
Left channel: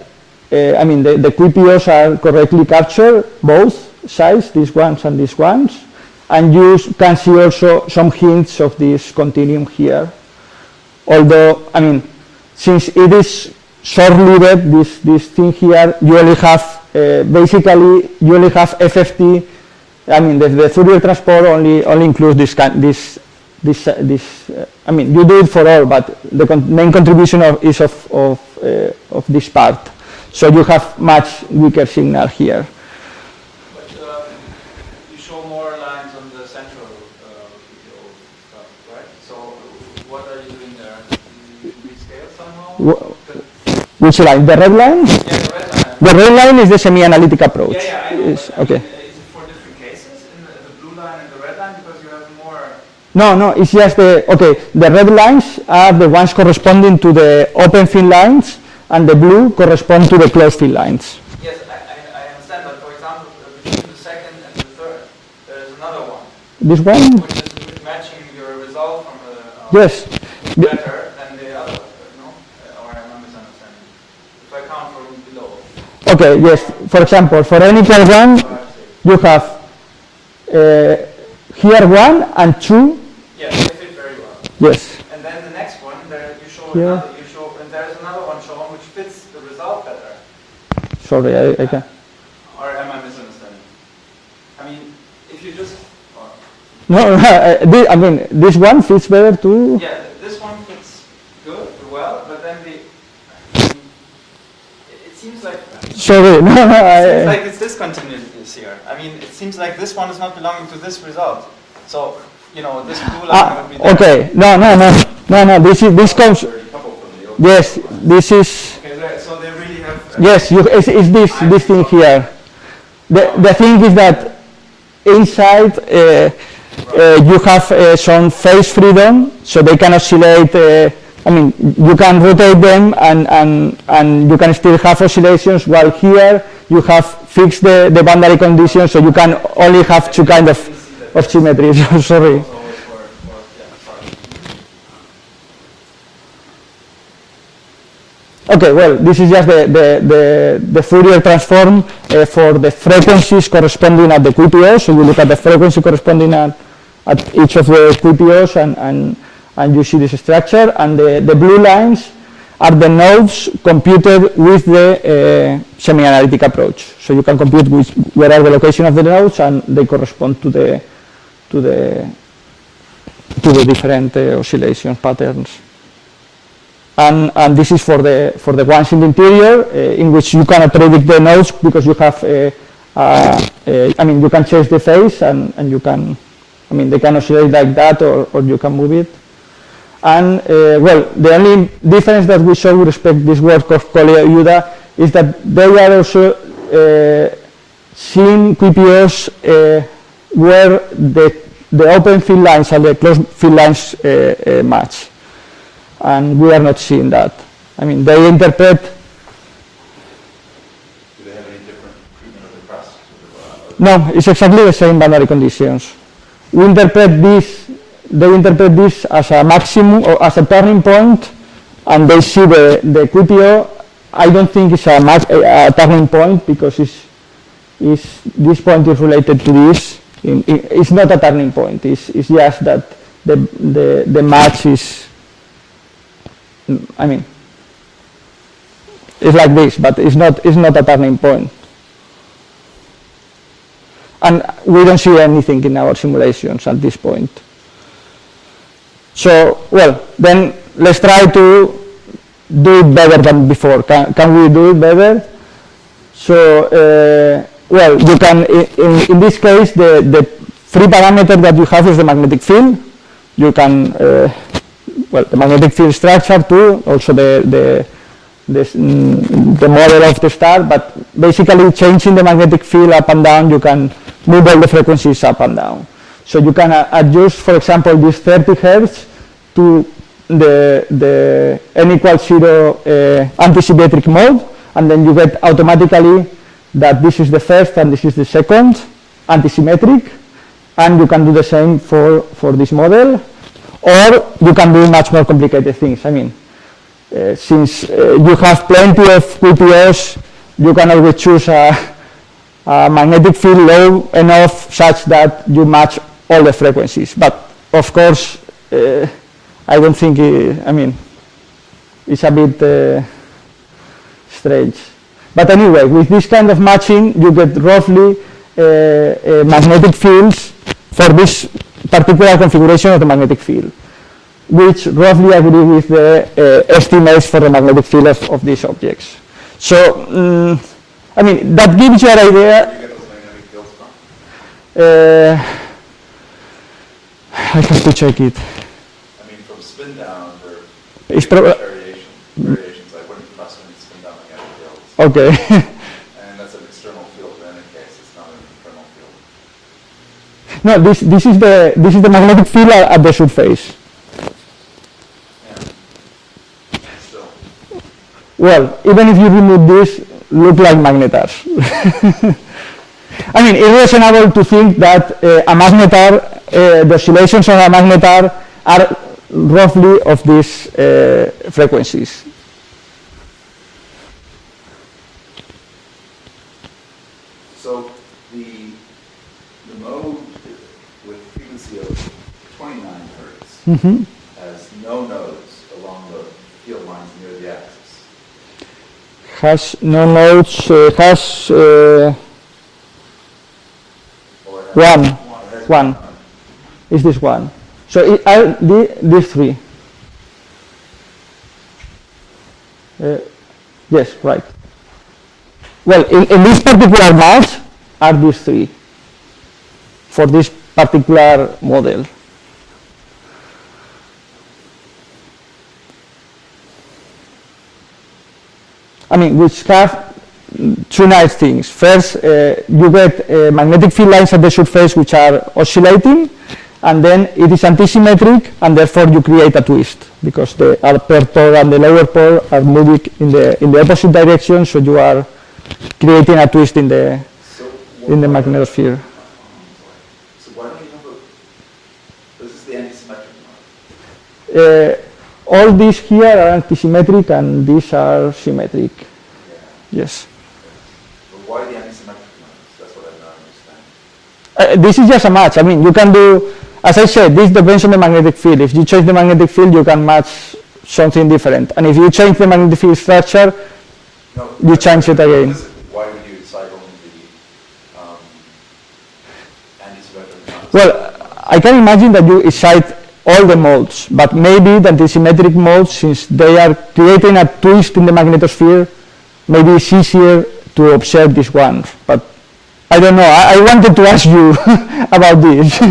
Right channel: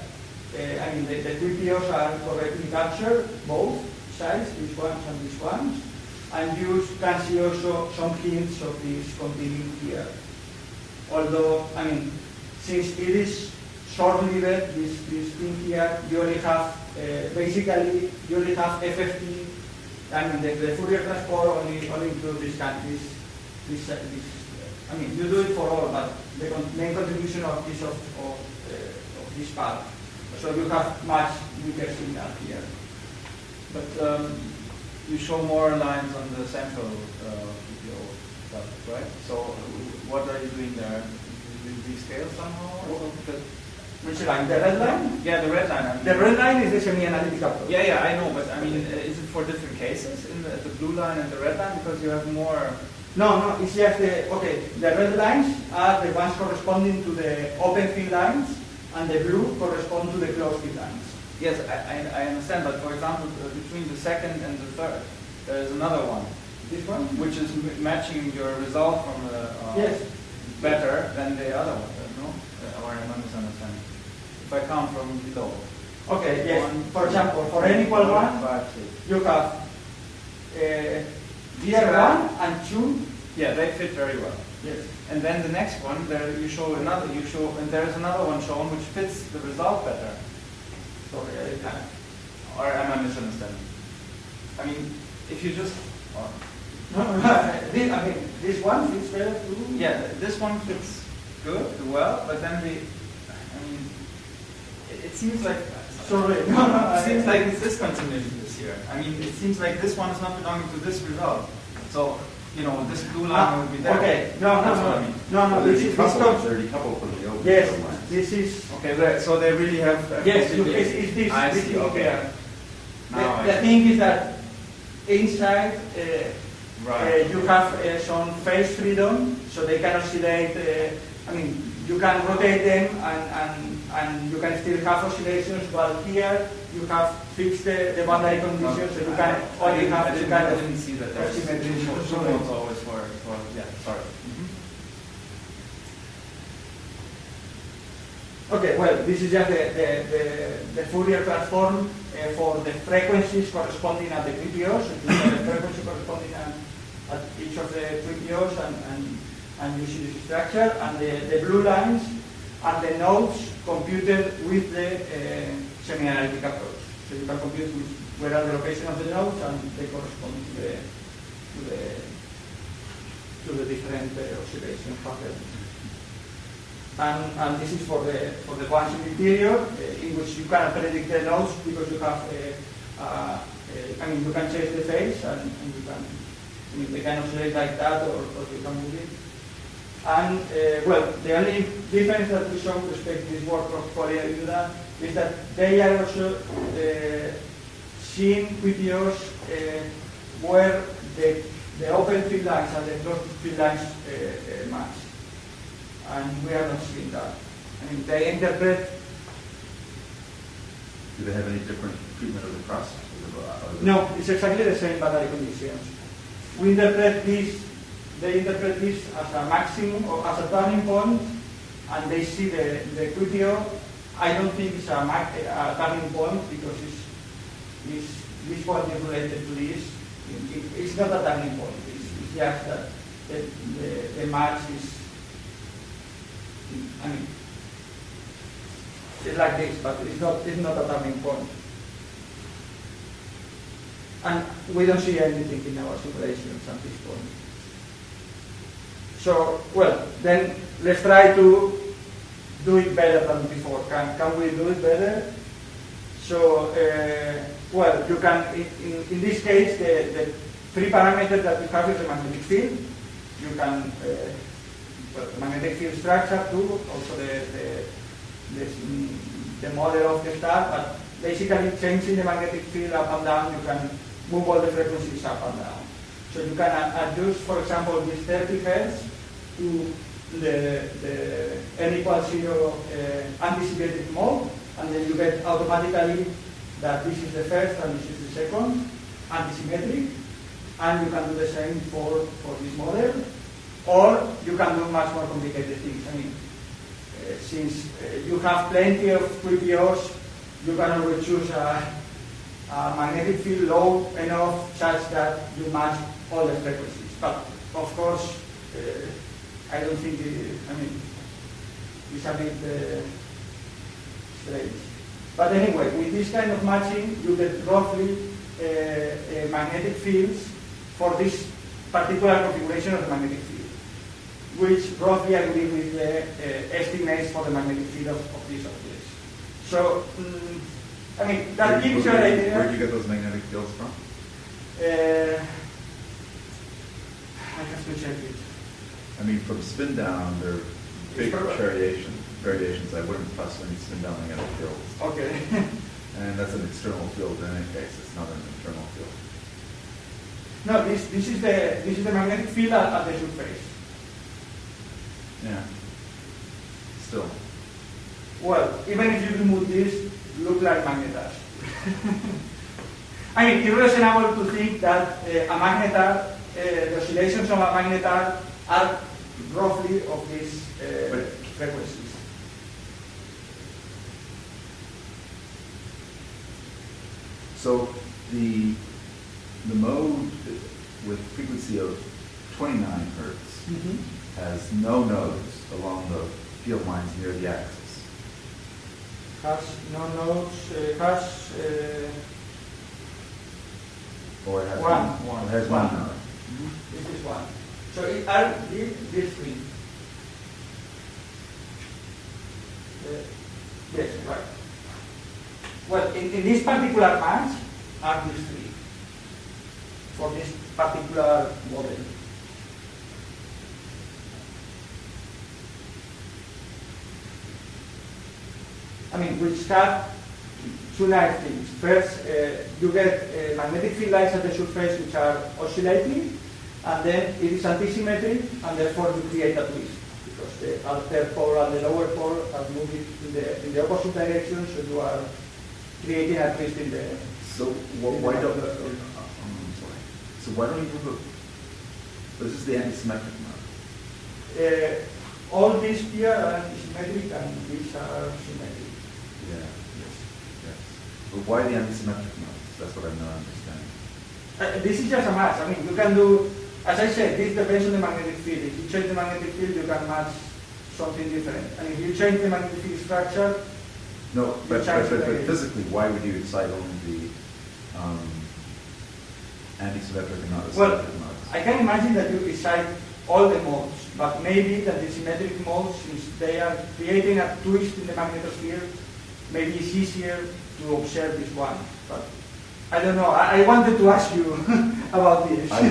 the QPOs are correctly captured, both sides, these ones and these ones, and you can see also some hints of this continuum here. Although, since it is short-lived, this thing here, you only have, basically, you only have FFT. The Fourier transform only includes this. You do it for all, but the main contribution is of this part. So you have much weaker signal here. But you show more lines on the central QPO stuff, right? So what are you doing there? Do you rescale somehow? Which line? The red line? Yeah, the red line. The red line is the semi-analytic approach. Yeah, I know. Okay. Is it for different cases in the blue line and the red line, because you have more? No, it's just the red lines are the ones corresponding to the open field lines, and the blue correspond to the closed field lines. Yes, I understand, but for example, between the second and the third, there is another one. This one? Which is matching your result from the... Yes. better than the other, no? Or am I misunderstanding? If I count from below. Okay, yes. For example, for n equals 1, you have here 1 and 2. Yeah, they fit very well. Yes. And then the next one, there you show Yeah. and there's another one shown which fits the result better. Sorry, I can. Or am I misunderstanding? I mean, if you just... No, I mean, this one fits better too. Yeah, this one fits good, well, but then it seems like... Sorry, no, It seems like it's discontinuities here. I mean, it seems like this one is not belonging to this result. So, you know, this blue line would be there. okay, no, this comes, yes, this is, Okay, so they really have... yes, it's this thing here. The thing is that inside you have some phase freedom, so they can oscillate, I mean, you can rotate them and you can still have oscillations, while here you have fixed the boundary conditions, so you can only have two kind of symmetries. Sorry. Okay, well, this is just the Fourier transform for the frequencies corresponding at the QPOs. So you look at the frequency corresponding at each of the QPOs and you see this structure. And the blue lines are the nodes computed with the semi-analytic approach. So you can compute where are the location of the nodes, and they correspond to the different oscillation patterns. And this is for the ones in the interior, in which you cannot predict the nodes because you have, I mean, you can change the phase and you can, I mean, they can oscillate like that, or you can move it. And well, the only difference that we show with respect to this work of Collier-Uda is that they are also seeing QPOs where the open field lines and the closed field lines match. And we are not seeing that. I mean, they interpret... Do they have any different treatment of the crust? No, it's exactly the same boundary conditions. We interpret this, they interpret this as a maximum, or as a turning point, and they see the QPO. I don't think it's a turning point, because this point is related to this. It's not a turning point, it's just that the match is... I mean, it's like this, but it's not a turning point. And we don't see anything in our simulations at this point. So, well, then let's try to do it better than before. Can we do it better? So, well, you can, in this case, the free parameter that you have is the magnetic field. You can well, the magnetic field structure too, also the model of the star, but basically changing the magnetic field up and down, you can move all the frequencies up and down. So you can adjust, for example, this 30 Hz to the n equals 0 antisymmetric mode, and then you get automatically that this is the first and this is the second antisymmetric, and you can do the same for this model. Or you can do much more complicated things. I mean, since you have plenty of QPOs, you can always choose a magnetic field low enough such that you match all the frequencies. But of course, I don't think, I mean, it's a bit strange. But anyway, with this kind of matching, you get roughly magnetic fields for this particular configuration of the magnetic field, which roughly agree with the estimates for the magnetic field of these objects. So, I mean, that gives you an idea. Where do you get those magnetic fields from? I have to check it. I mean, from spin down, there It's are variations. I wouldn't fuss when you spin down magnetic fields. Okay. And that's an external field in any case. It's not an internal field. No, this is the magnetic field at the surface. Yeah. Still. Well, even if you remove this, look like magnetars. I mean, it's reasonable to think that a magnetar, the oscillations on a magnetar are roughly of these frequencies. So the mode with frequency of 29 hertz Mm-hmm. has no nodes along the field lines near the axis. Has no nodes, has Or it has- one. it has One. node. Is this one. So are these three. Yes, right. Well, in this particular match are these three for this particular model. I mean, which have two nice things. First, you get magnetic field lines at the surface which are oscillating, and then it is antisymmetric, and therefore you create a twist because the upper pole and the lower pole are moving in the opposite direction, so you are creating a twist in the So in the why don't- magnetosphere. So why don't you have a, this is the antisymmetric mode. All these here are antisymmetric, and these are symmetric. Yeah. Yes. Yes. But why the antisymmetric modes? That's what I'm not understanding. This is just a match. I mean, you can do, as I said, this depends on the magnetic field. If you change the magnetic field, you can match something different. And if you change the magnetic field structure, No, you change it again. Physically, why would you decide only the antisymmetric and not the well, symmetric modes? I can imagine that you excite all the modes, but maybe the antisymmetric modes, since they are creating a twist in the magnetosphere, maybe it's easier to observe these ones. But I don't know. I wanted to ask you about this. I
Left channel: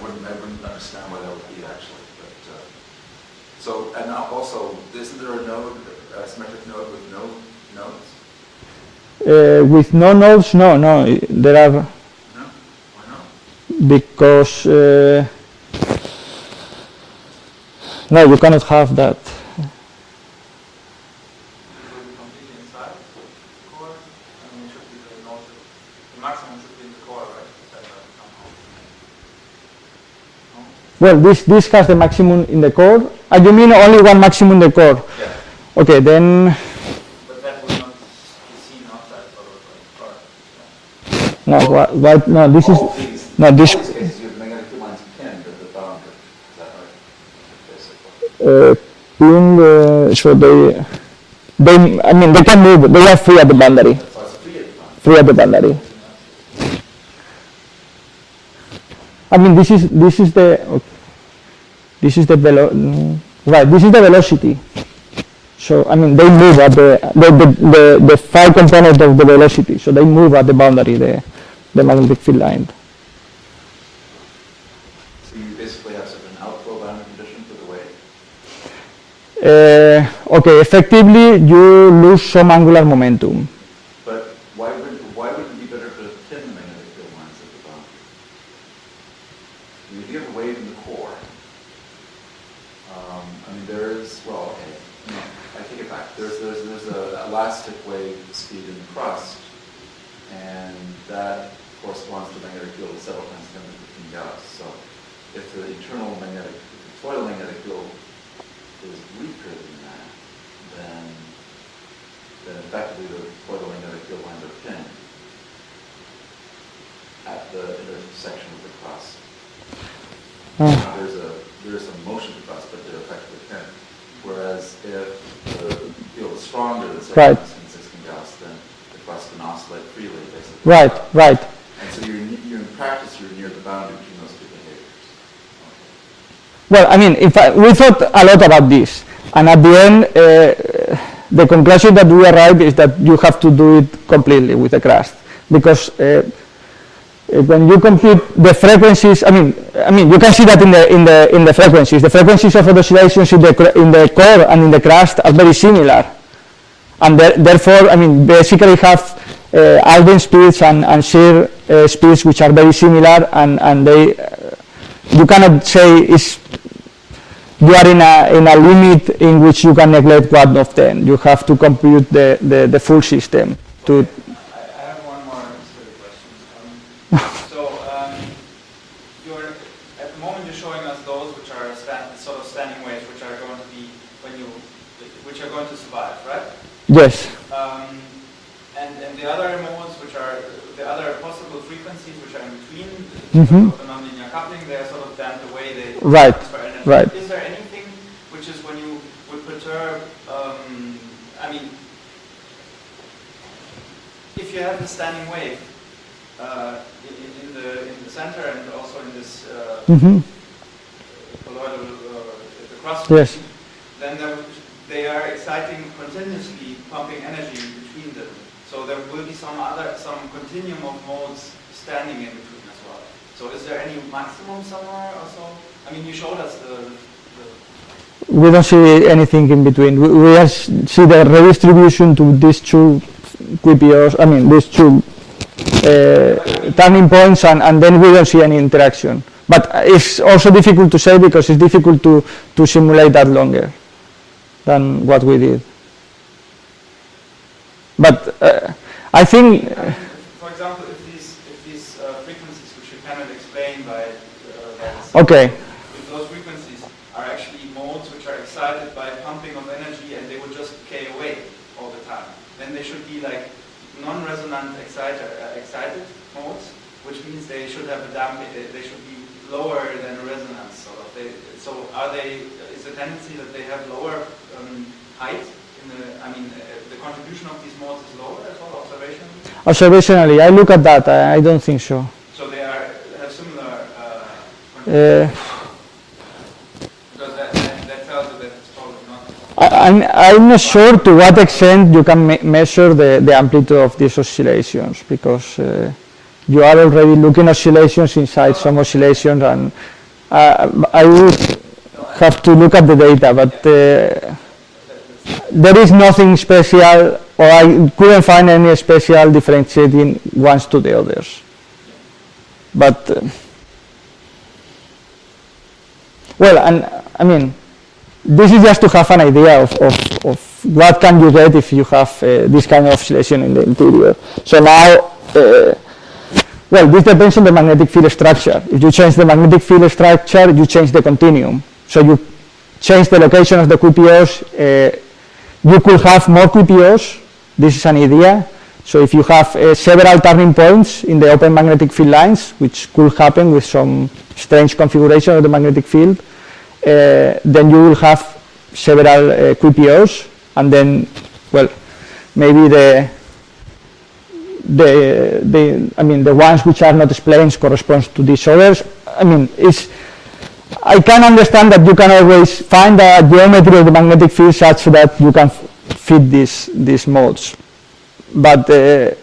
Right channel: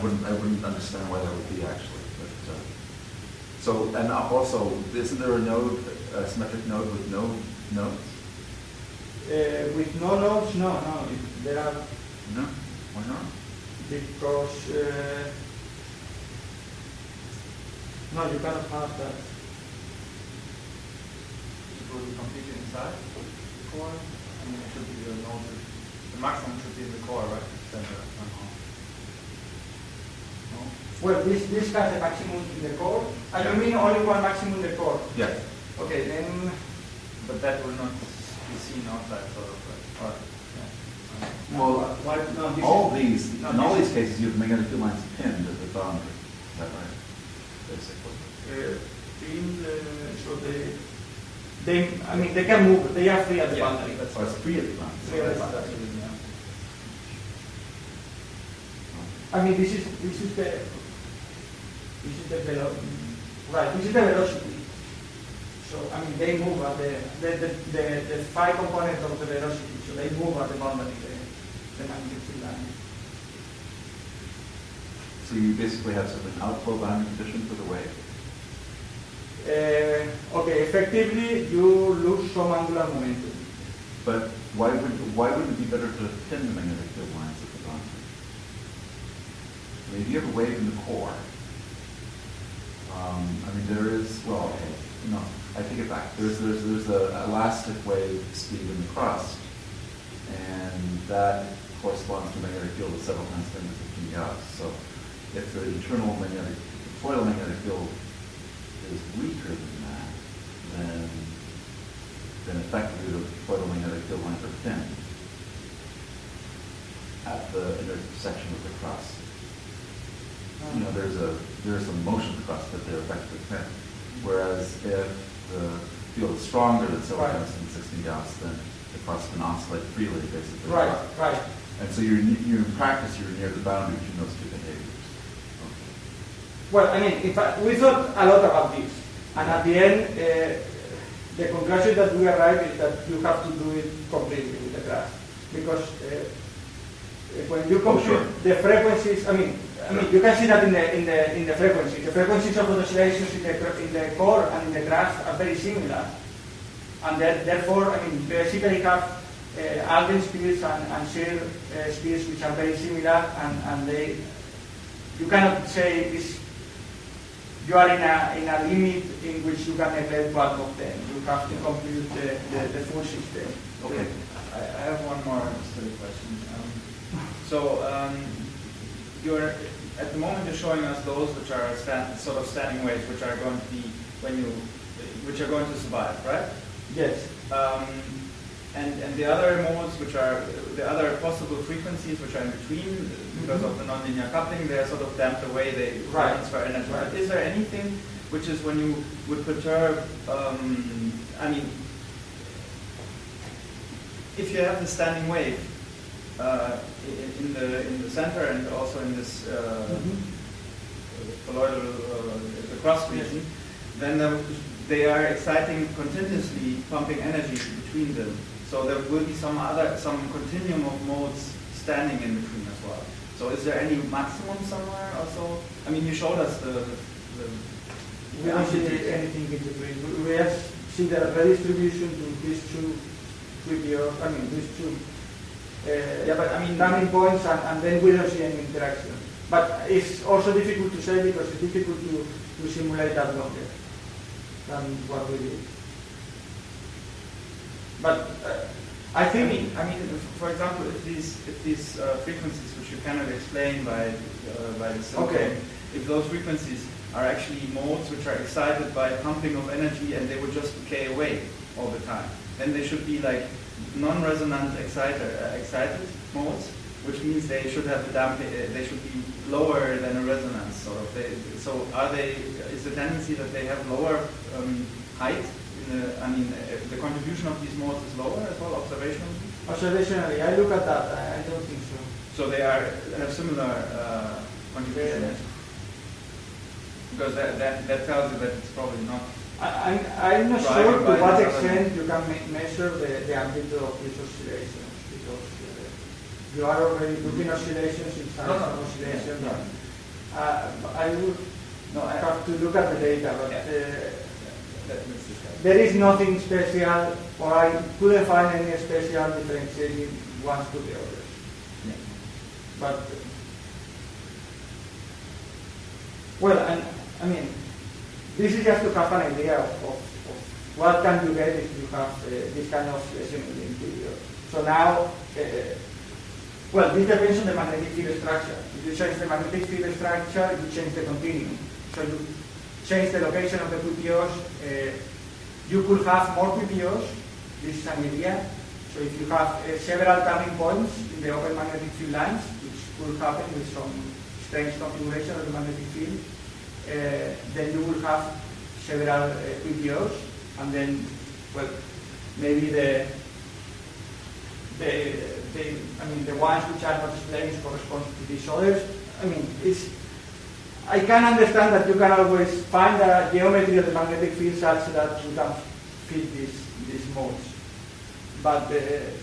wouldn't understand why that would be actually. But, so, and also, isn't there a node, a symmetric node with no nodes? With no nodes, no. There are, No? Why not? because, no, you cannot have that. It will be completely inside the core, and it should be the node. The maximum should be in the core, right? Center somehow. No? Well, this has the maximum in the core. You mean only one maximum in the core? Yeah. Okay, then, But that will not be seen outside, sort of. no, no, this is, All these, no, this, all these cases, you have magnetic field lines pinned at the boundary. Is that right? Basically. pinned, so I mean, they can move, they are free at the boundary, So it's free at the boundary. free at the boundary. I mean, this is the right, this is the velocity. So, I mean, they move at the phi component of the velocity, so they move at the boundary, the magnetic field line. So you basically have sort of an outflow boundary condition for the wave? Okay, effectively, you lose some angular momentum. But why wouldn't it be better to pin the magnetic field lines at the boundary? I mean, if you have a wave in the core, I mean, there is, well, okay, no, I take it back. There's a elastic wave speed in the crust, and that corresponds to a magnetic field of several times 10 to the 15 Gauss. So if the internal magnetic, total magnetic field is weaker than that, then effectively the photomagnetic field lines are pinned at the intersection with the crust. There's a motion to crust, but they're effectively pinned. Whereas if the field is stronger than Right. 16 Gauss, then the crust can oscillate freely, basically. Right, right. And so you're in practice, you're near the boundary between those two behaviors. Well, I mean, we thought a lot about this, and at the end, the conclusion that we arrived is that you have to do it completely with the crust, because when you compute the frequencies, I mean, you can see that in the frequencies. The frequencies of the oscillations in the core and in the crust are very similar, and therefore, I mean, basically have Alfvén speeds and shear speeds which are very similar, and they you cannot say you are in a limit in which you can neglect one of them. You have to compute the full system. Okay. I have one more silly question. So at the moment you're showing us those which are sort of standing waves, which are going to be which are going to survive, right? Yes. And the other modes, which are the other possible frequencies, which are in between, Mm-hmm. because of the nonlinear coupling, they are sort of damped away. They Right. transfer energy. Right. Is there anything which is when you would perturb? I mean, if you have the standing wave in the center and also in this Mm-hmm. colloidal the crust Yes. region, then they are exciting continuously, pumping energy between them. So there will be some continuum of modes standing in between as well. So is there any maximum somewhere also? I mean, you showed us the We don't see anything in between. We just see the redistribution to these two QPOs, I mean, these two turning points, and then we don't see any interaction. But it's also difficult to say because it's difficult to simulate that longer than what we did. But I think... I mean, for example, if these frequencies, which you cannot explain by the Okay. if those frequencies are actually modes which are excited by pumping of energy and they would just decay away all the time, then they should be like non-resonant excited modes, which means they should have a damping, they should be lower than a resonance. So is the tendency that they have lower height? The contribution of these modes is lower as well, observationally? Observationally, I look at that, I don't think so. So they are similar because that tells you that it's probably not. I'm not sure to what extent you can measure the amplitude of these oscillations, because you are already looking oscillations inside some oscillations, and I would have to look at the data, but there is nothing special, or I couldn't find any special differentiating ones to the others. But well, and I mean, this is just to have an idea of what can you get if you have this kind of oscillation in the interior. So now, well, this depends on the magnetic field structure. If you change the magnetic field structure, you change the continuum. So you change the location of the QPOs. You could have more QPOs. This is an idea. So if you have several turning points in the open magnetic field lines, which could happen with some strange configuration of the magnetic field, then you will have several QPOs, and then, well, maybe the ones which are not splines corresponds to these others. I mean, I can understand that you can always find a geometry of the magnetic field such that you can fit these modes. But the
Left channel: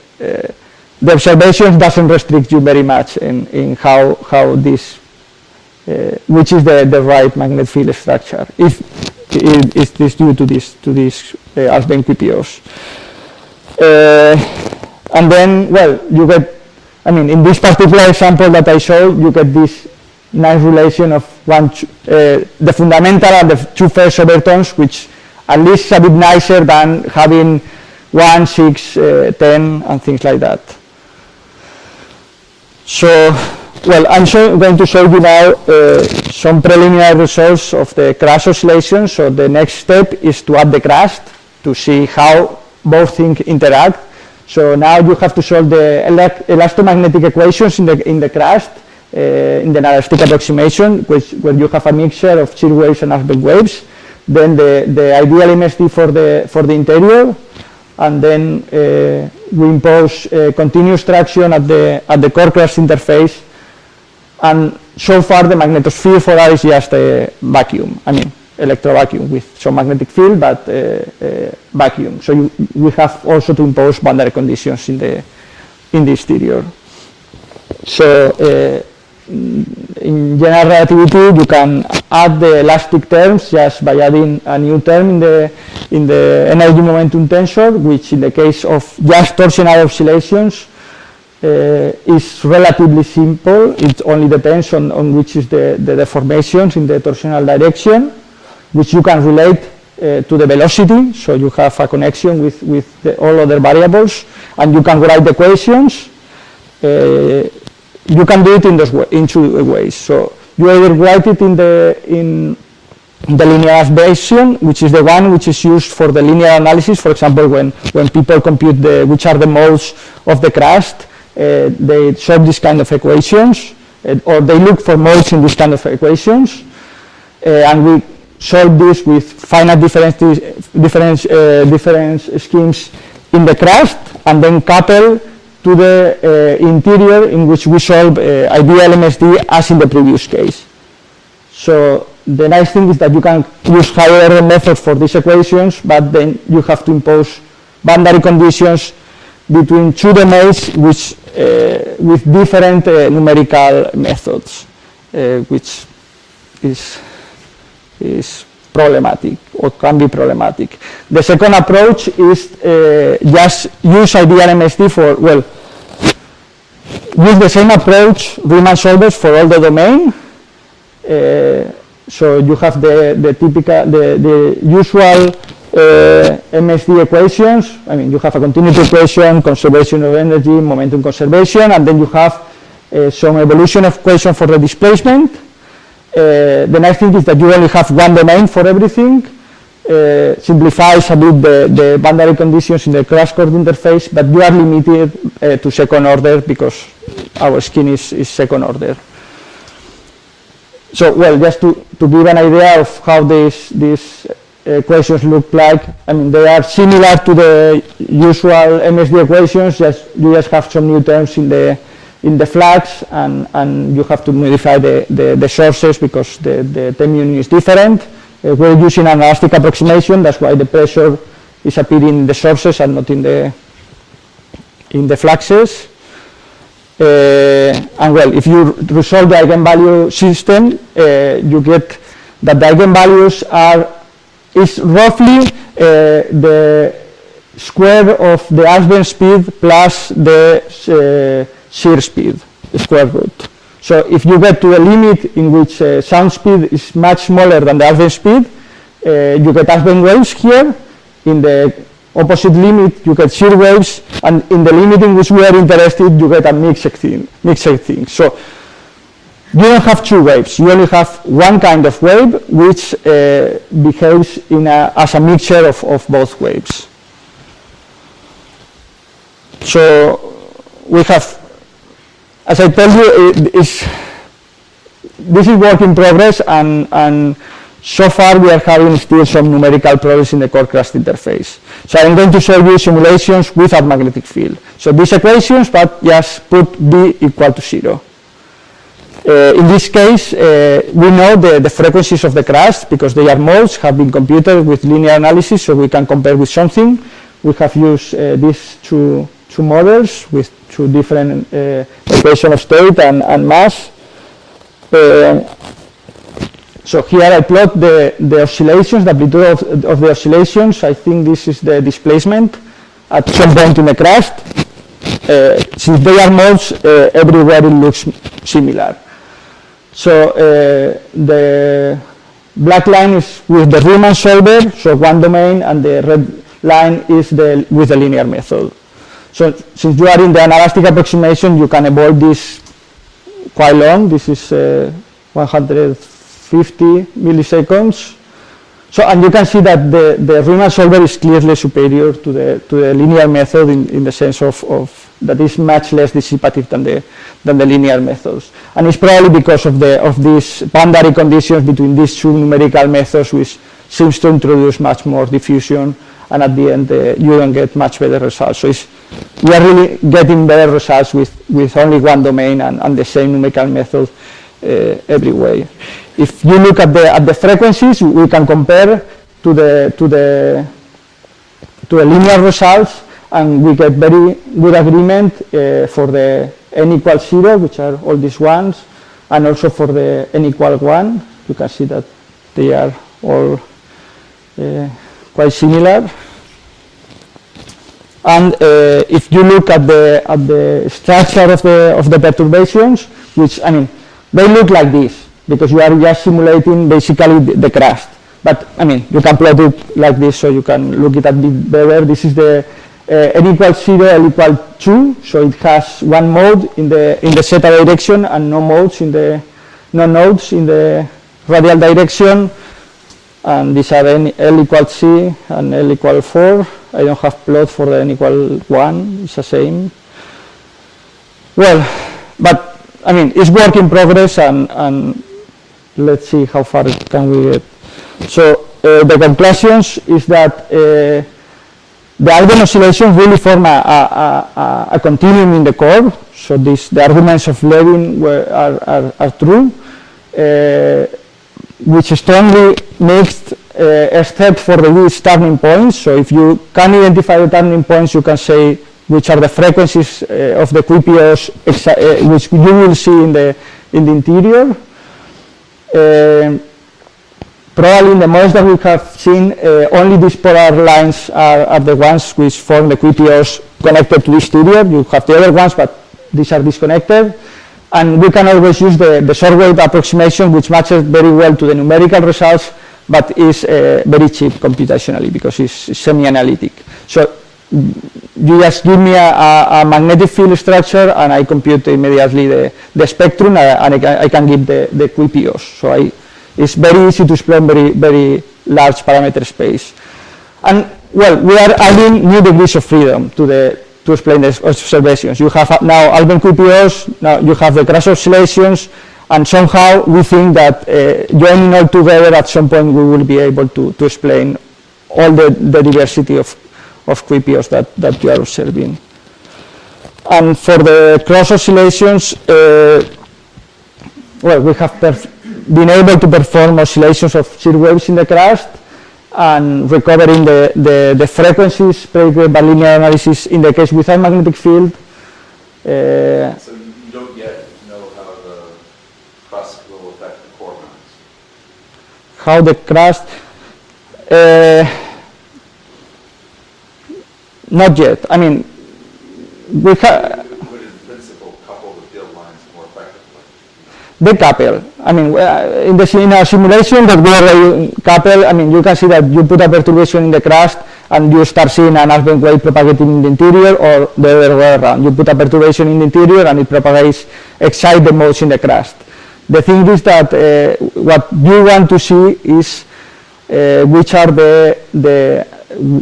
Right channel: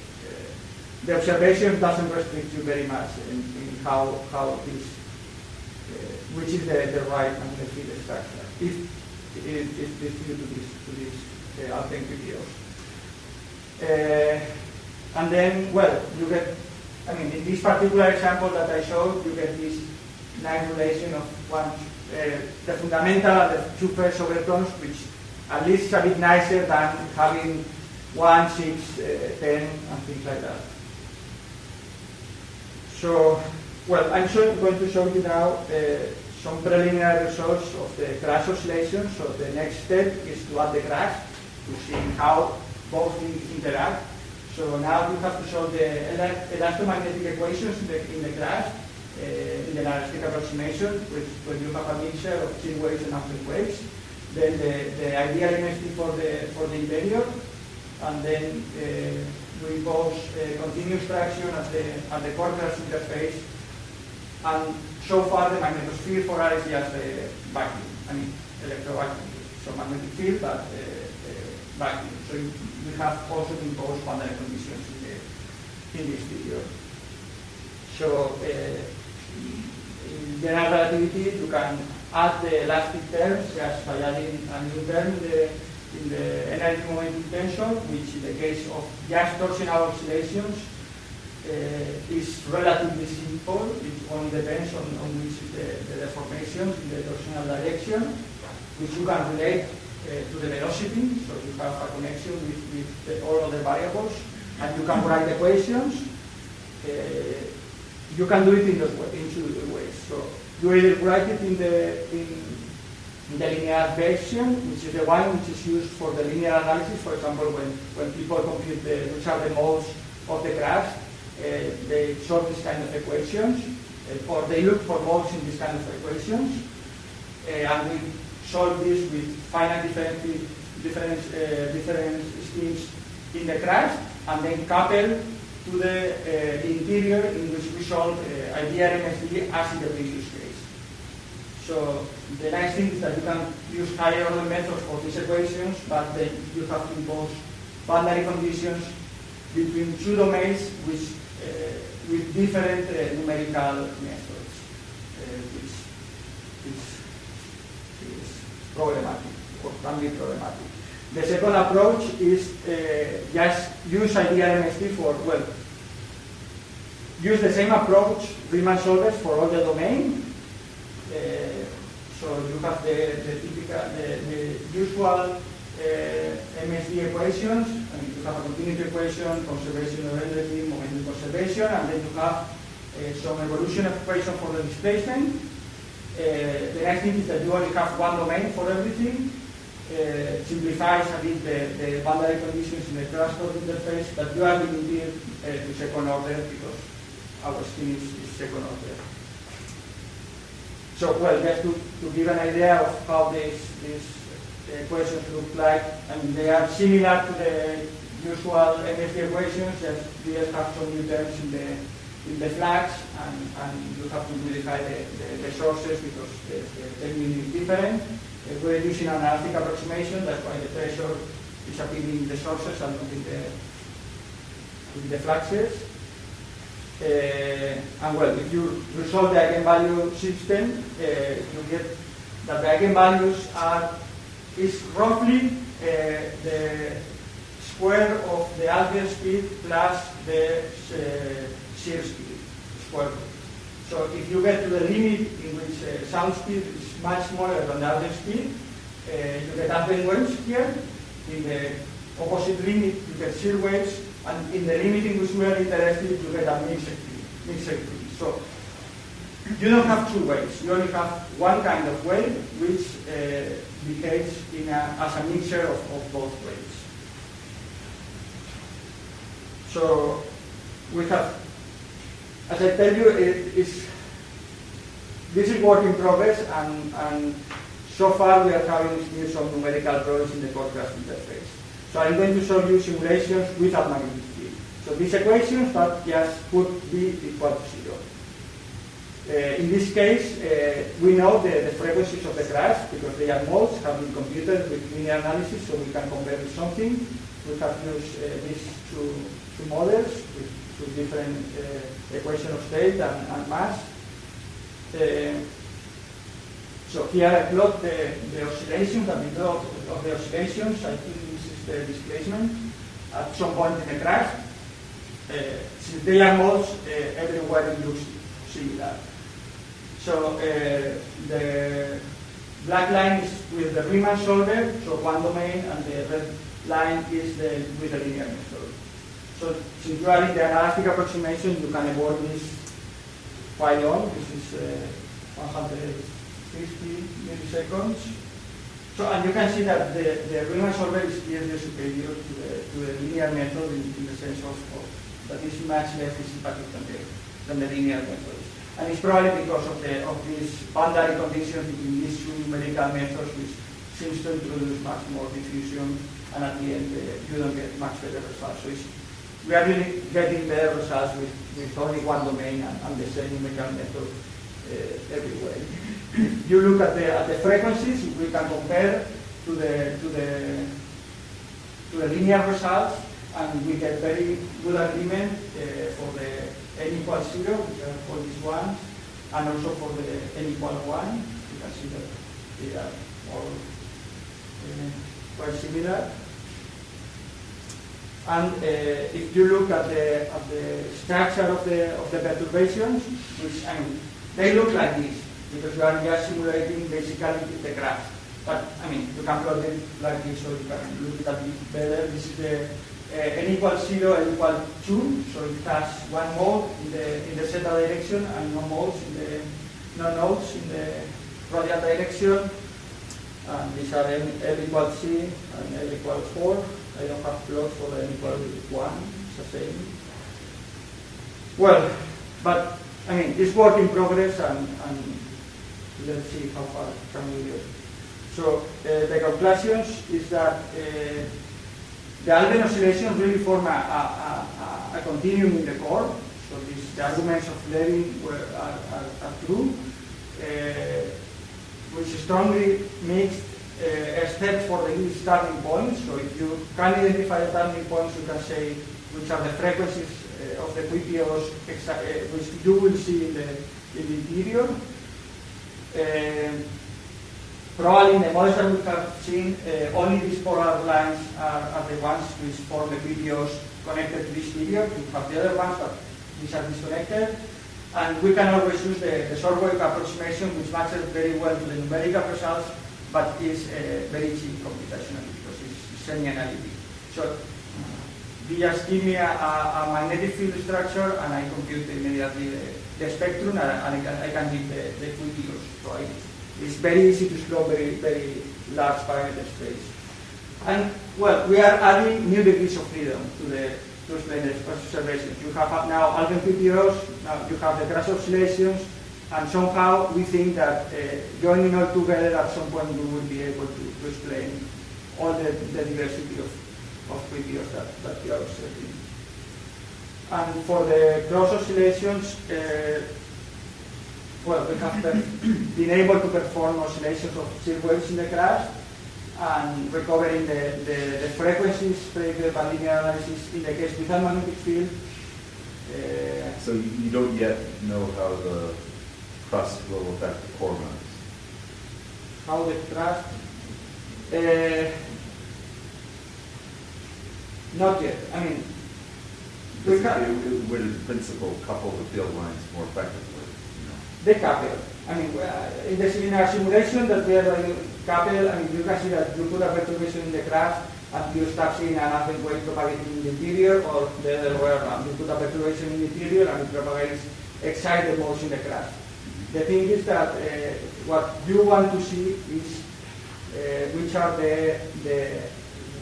observation doesn't restrict you very much in how this, which is the right magnetic field structure, if it is due to these Alfvén QPOs. And then, well, you get, I mean, in this particular example that I showed, you get this nice relation of the fundamental and the two first overtones, which at least is a bit nicer than having 1, 6, 10, and things like that. So, well, I'm going to show you now some preliminary results of the Crust oscillation. So the next step is to add the Crust to see how both things interact. So now you have to solve the elastomagnetic equations in the Crust, in the anelastic approximation, where you have a mixture of shear waves and Alfvén waves. Then the ideal MSD for the interior, and then we impose continuous traction at the core Crust interface. And so far the magnetosphere for R is just a vacuum, I mean electrovacuum with some magnetic field, but vacuum. So we have also to impose boundary conditions in the exterior. So in general relativity, you can add the elastic terms just by adding a new term in the energy momentum tensor, which in the case of just torsional oscillations is relatively simple. It only depends on which is the deformations in the torsional direction, which you can relate to the velocity. So you have a connection with all other variables, and you can write the equations. You can do it in two ways. So you either write it in the linear version, which is the one which is used for the linear analysis. For example, when people compute which are the modes of the crust, they solve this kind of equations, or they look for modes in this kind of equations, and we solve this with finite difference schemes in the crust, and then couple to the interior, in which we solve ideal MSD as in the previous case. So the nice thing is that you can use higher order methods for these equations, but then you have to impose boundary conditions between two domains which with different numerical methods, which is problematic, or can be problematic. The second approach is just use ideal MSD for, well, use the same approach, Riemann solvers for all the domain. So you have the typical, the usual MSD equations. I mean, you have a continuity equation, conservation of energy, momentum conservation, and then you have some evolution equation for the displacement. The nice thing is that you only have one domain for everything. Simplifies a bit the boundary conditions in the Crust-Chord interface, but you are limited to second order because our scheme is second order. So, well, just to give an idea of how these equations look like, I mean, they are similar to the usual MSD equations, you just have some new terms in the flux, and you have to modify the sources because the term union is different. We're using an anelastic approximation, that's why the pressure is appearing in the sources and not in the fluxes. And well, if you resolve the eigenvalue system, you get that the eigenvalues is roughly the square of the Alfvén speed plus the shear speed, the square root. So if you get to a limit in which sound speed is much smaller than the Alfvén speed, you get Alfvén waves here. In the opposite limit, you get shear waves, and in the limit in which we are interested, you get a mixed thing. So you don't have two waves. You only have one kind of wave, which behaves as a mixture of both waves. So we have, as I told you, this is work in progress, and so far we are having still some numerical problems in the core-crust interface. So I'm going to show you simulations without magnetic field. So these equations, but just put B equal to 0. In this case, we know the frequencies of the crust because they are modes, have been computed with linear analysis, so we can compare with something. We have used these two models with two different equations of state and mass. So here I plot the oscillations, the amplitude of the oscillations. I think this is the displacement at some point in the crust. Since they are modes, everywhere it looks similar. So the black line is with the Riemann solver, so one domain, and the red line is with the linear method. So since you are in the anelastic approximation, you can avoid this quite long. This is 150 milliseconds. So, and you can see that the Riemann solver is clearly superior to the linear method in the sense of that is much less dissipative than the linear methods. And it's probably because of these boundary conditions between these two numerical methods, which seems to introduce much more diffusion, and at the end you don't get much better results. So we are really getting better results with only one domain and the same numerical method every way. If you look at the frequencies, we can compare to the linear results, and we get very good agreement for the n equals 0, which are all these ones, and also for the n equal 1. You can see that they are all quite similar. And if you look at the structure of the perturbations, which, I mean, they look like this, because you are just simulating basically the crust. But, I mean, you can plot it like this so you can look it a bit better. This is the n equals 0, L equals 2, so it has one mode in the zeta direction and no modes in the no nodes in the radial direction, and these are L equals C and L equals 4. I don't have plot for the N equals 1, it's the same. Well, but I mean, it's work in progress, and let's see how far can we get. So the conclusions is that the Alfvén oscillations really form a continuum in the core. So the arguments of Levin are true, which strongly mixed except for the least turning points. So if you can identify the turning points, you can say which are the frequencies of the QPOs which you will see in the interior. Probably in the models that we have seen, only these polar lines are the ones which form the QPOs connected to the exterior. You have the other ones, but these are disconnected. And we can always use the short wave approximation, which matches very well to the numerical results, but is very cheap computationally because it's semi-analytic. So you just give me a magnetic field structure, and I compute immediately the spectrum, and I can give the QPOs. So it's very easy to explain very large parameter space. And well, we are adding new degrees of freedom to explain the observations. You have now Alfvén QPOs, now you have the Crust oscillations, and somehow we think that joining all together at some point we will be able to explain all the diversity of QPOs that you are observing. And for the Crust oscillations, well, we have been able to perform oscillations of shear waves in the crust and recovering the frequencies predicted by linear analysis in the case without magnetic field. So you don't yet know how the crust will affect the core mass? How the crust? Not yet. I mean, we have. Would in principle couple the field lines more effectively? They couple. I mean, in a simulation that we already couple, I mean, you can see that you put a perturbation in the crust and you start seeing an Alfvén wave propagating in the interior, or the other way around. You put a perturbation in the interior and it propagates, excites the modes in the crust. The thing is that what you want to see is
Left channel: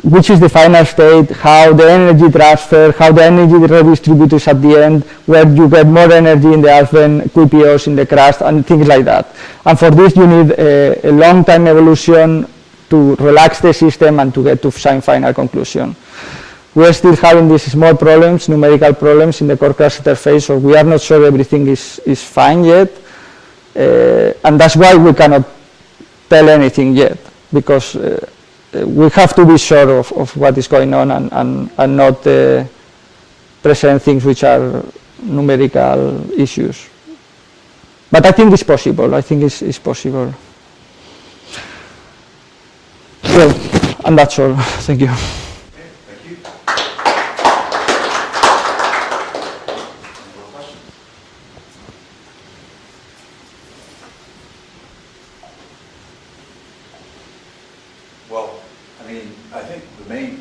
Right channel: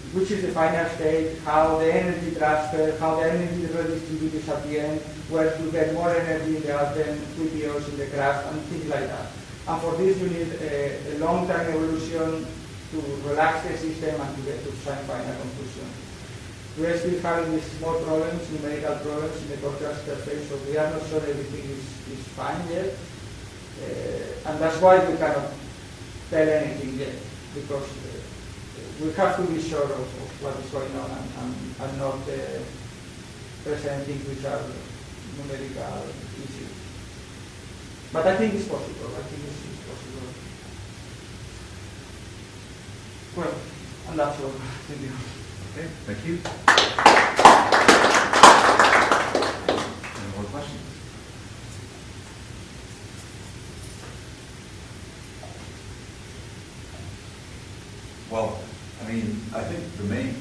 which is the final state, how the energy transfer, how the energy redistributes at the end, where you get more energy in the Alfvén QPOs in the crust, and things like that. And for this you need a long time evolution to relax the system and to get to some final conclusion. We are still having these small problems, numerical problems in the core crust interface, so we are not sure everything is fine yet. And that's why we cannot tell anything yet, because we have to be sure of what is going on and not present things which are numerical issues. But I think it's possible. I think it's possible. Well, and that's all. Thank you. Okay, thank you. Any more questions? Well, I mean, I think the main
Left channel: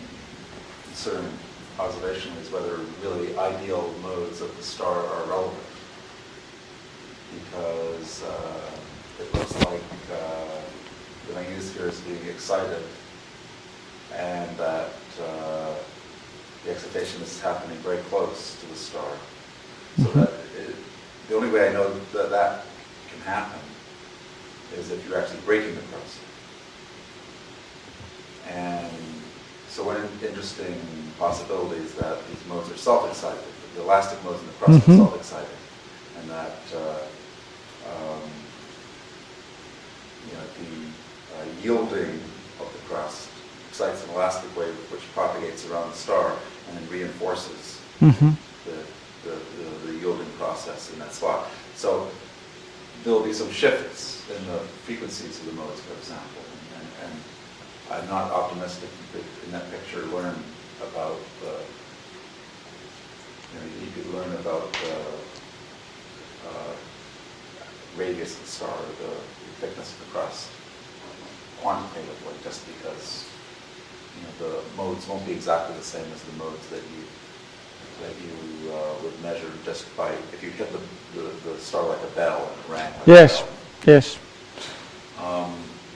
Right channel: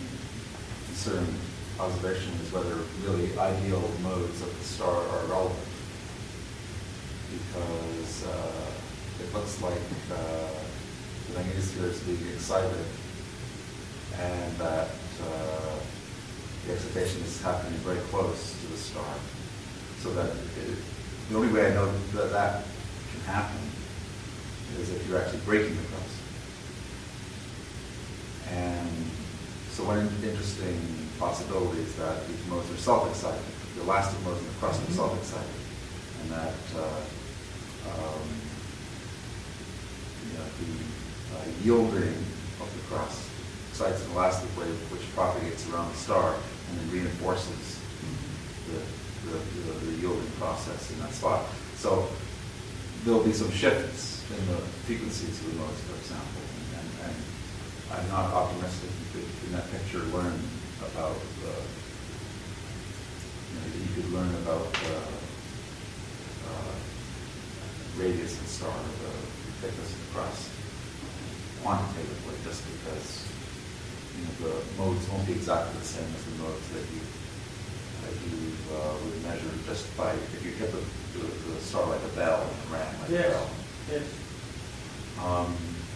concern observation is whether really ideal modes of the star are relevant. Because it looks like the magnetosphere is being excited, and that the excitation is happening very close to the star. So that the only way I know that can happen is if you're actually breaking the crust. And so one interesting possibility is that these modes are self-excited. The elastic modes in the crust are self-excited, and that the yielding of the crust excites an elastic wave which propagates around the star and then reinforces the yielding process in that spot. So there will be some shifts in the frequencies of the modes, for example, and I'm not optimistic you could, in that picture, learn about you could learn about radius of the star, the thickness of the crust, quantitatively, just because the modes won't be exactly the same as the modes that you would measure just by, if you hit the star like a bell and it rang Yes, yes.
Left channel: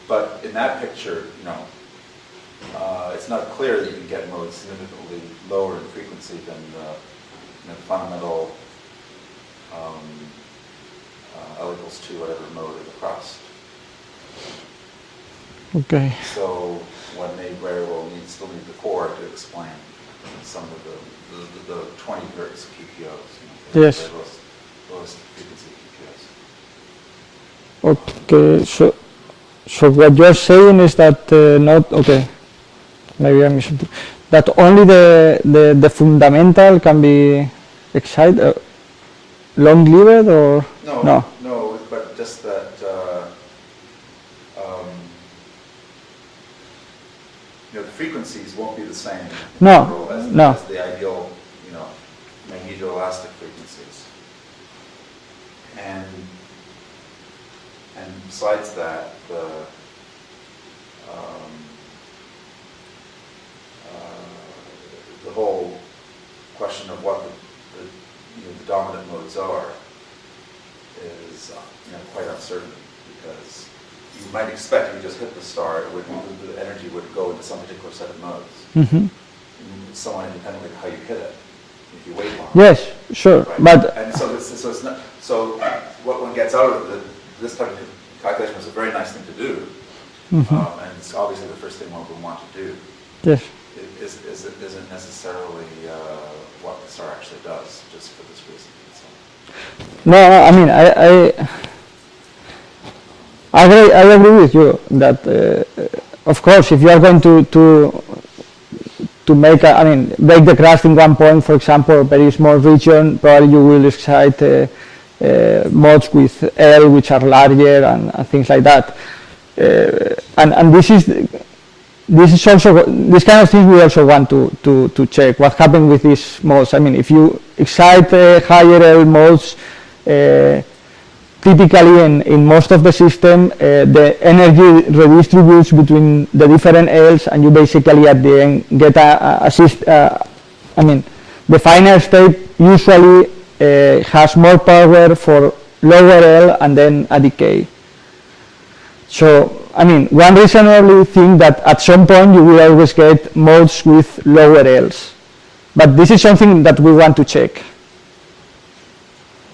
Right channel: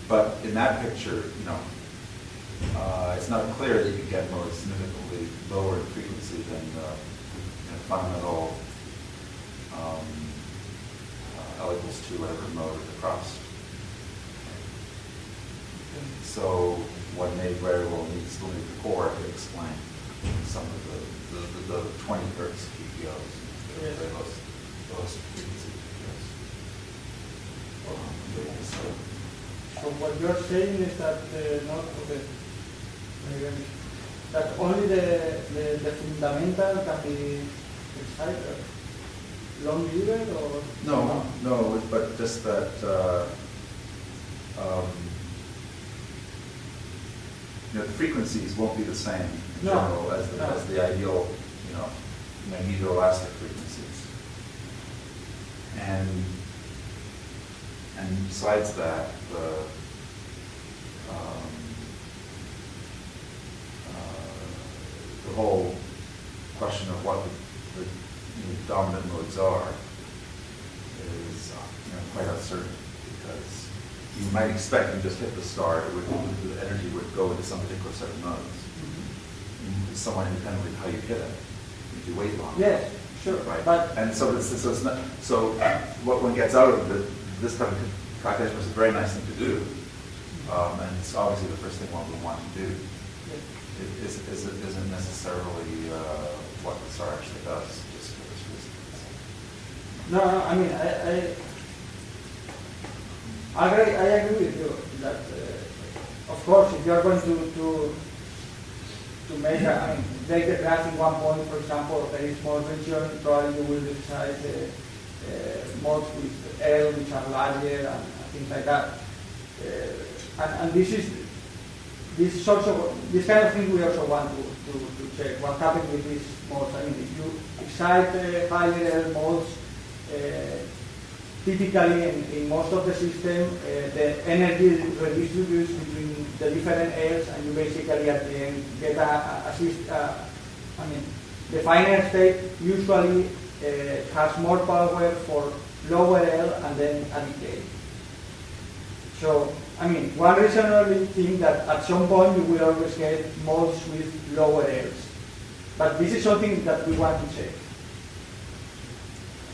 But in that picture, it's not clear that you can get modes significantly lower in frequency than the fundamental L equals 2 whatever mode of the crust. Okay. So one may very well still need the core to explain some of the 20 hertz QPOs. Yes. Lowest frequency QPOs. Okay, so what you're saying is that maybe I misunderstood. That only the fundamental can be excited, long-lived, or no, but just that the frequencies won't be the same as the ideal, magnetoelastic frequencies. And besides that, the whole question of what the dominant modes are is quite uncertain, because you might expect you just hit the star, the energy would go into some particular set of modes, somewhat independently of how you hit it, if you wait long. Yes, sure, right? but and so it's not, so what one gets out of this type of calculation is a very nice thing to do, and it's obviously the first thing one would want to do. Yes. Isn't necessarily what the star actually does, just for this reason. No, I mean, I agree with you that, of course, if you are going to make, break the crust in one point, for example, a very small region, probably you will excite modes with L, which are larger, and things like that. And this is also, this kind of thing we also want to check what happened with these modes. I mean, if you excite higher L modes, typically in most of the system, the energy redistributes between the different L's, and you basically at the end get the final state usually has more power for lower L and then a decay. So, one reasonably think that at some point you will always get modes with lower L's. But this is something that we want to check.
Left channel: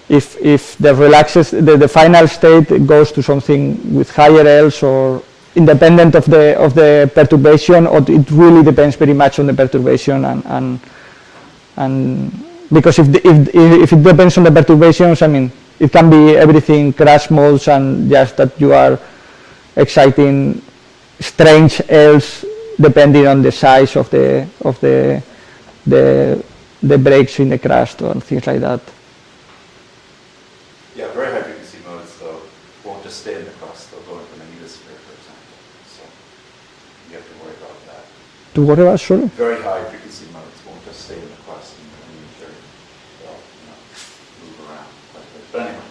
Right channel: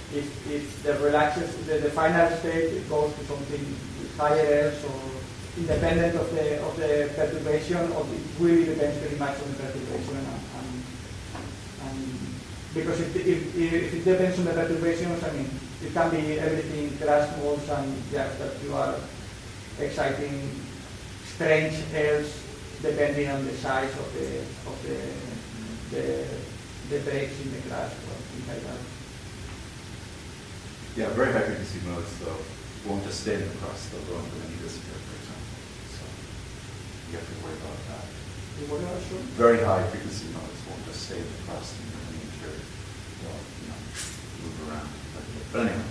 If the final state goes to something with higher L's, or independent of the perturbation, or it really depends very much on the perturbation, and because if it depends on the perturbations, it can be everything crash modes, and just that you are exciting strange L's depending on the size of the breaks in the crust or things like that. Yeah, very high frequency modes though won't just stay in the crust, they'll go into the magnetosphere, for example. So you have to worry about that. To worry about, sorry? Very high frequency modes won't just stay in the crust and the material. They'll move around quite a bit. But anyway,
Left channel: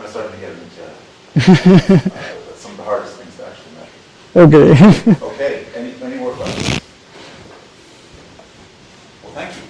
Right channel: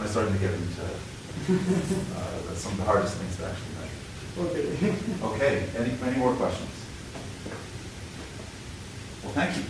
I'm starting to get into some of the hardest things to actually measure. Okay. Okay, any more questions? Well, thank you.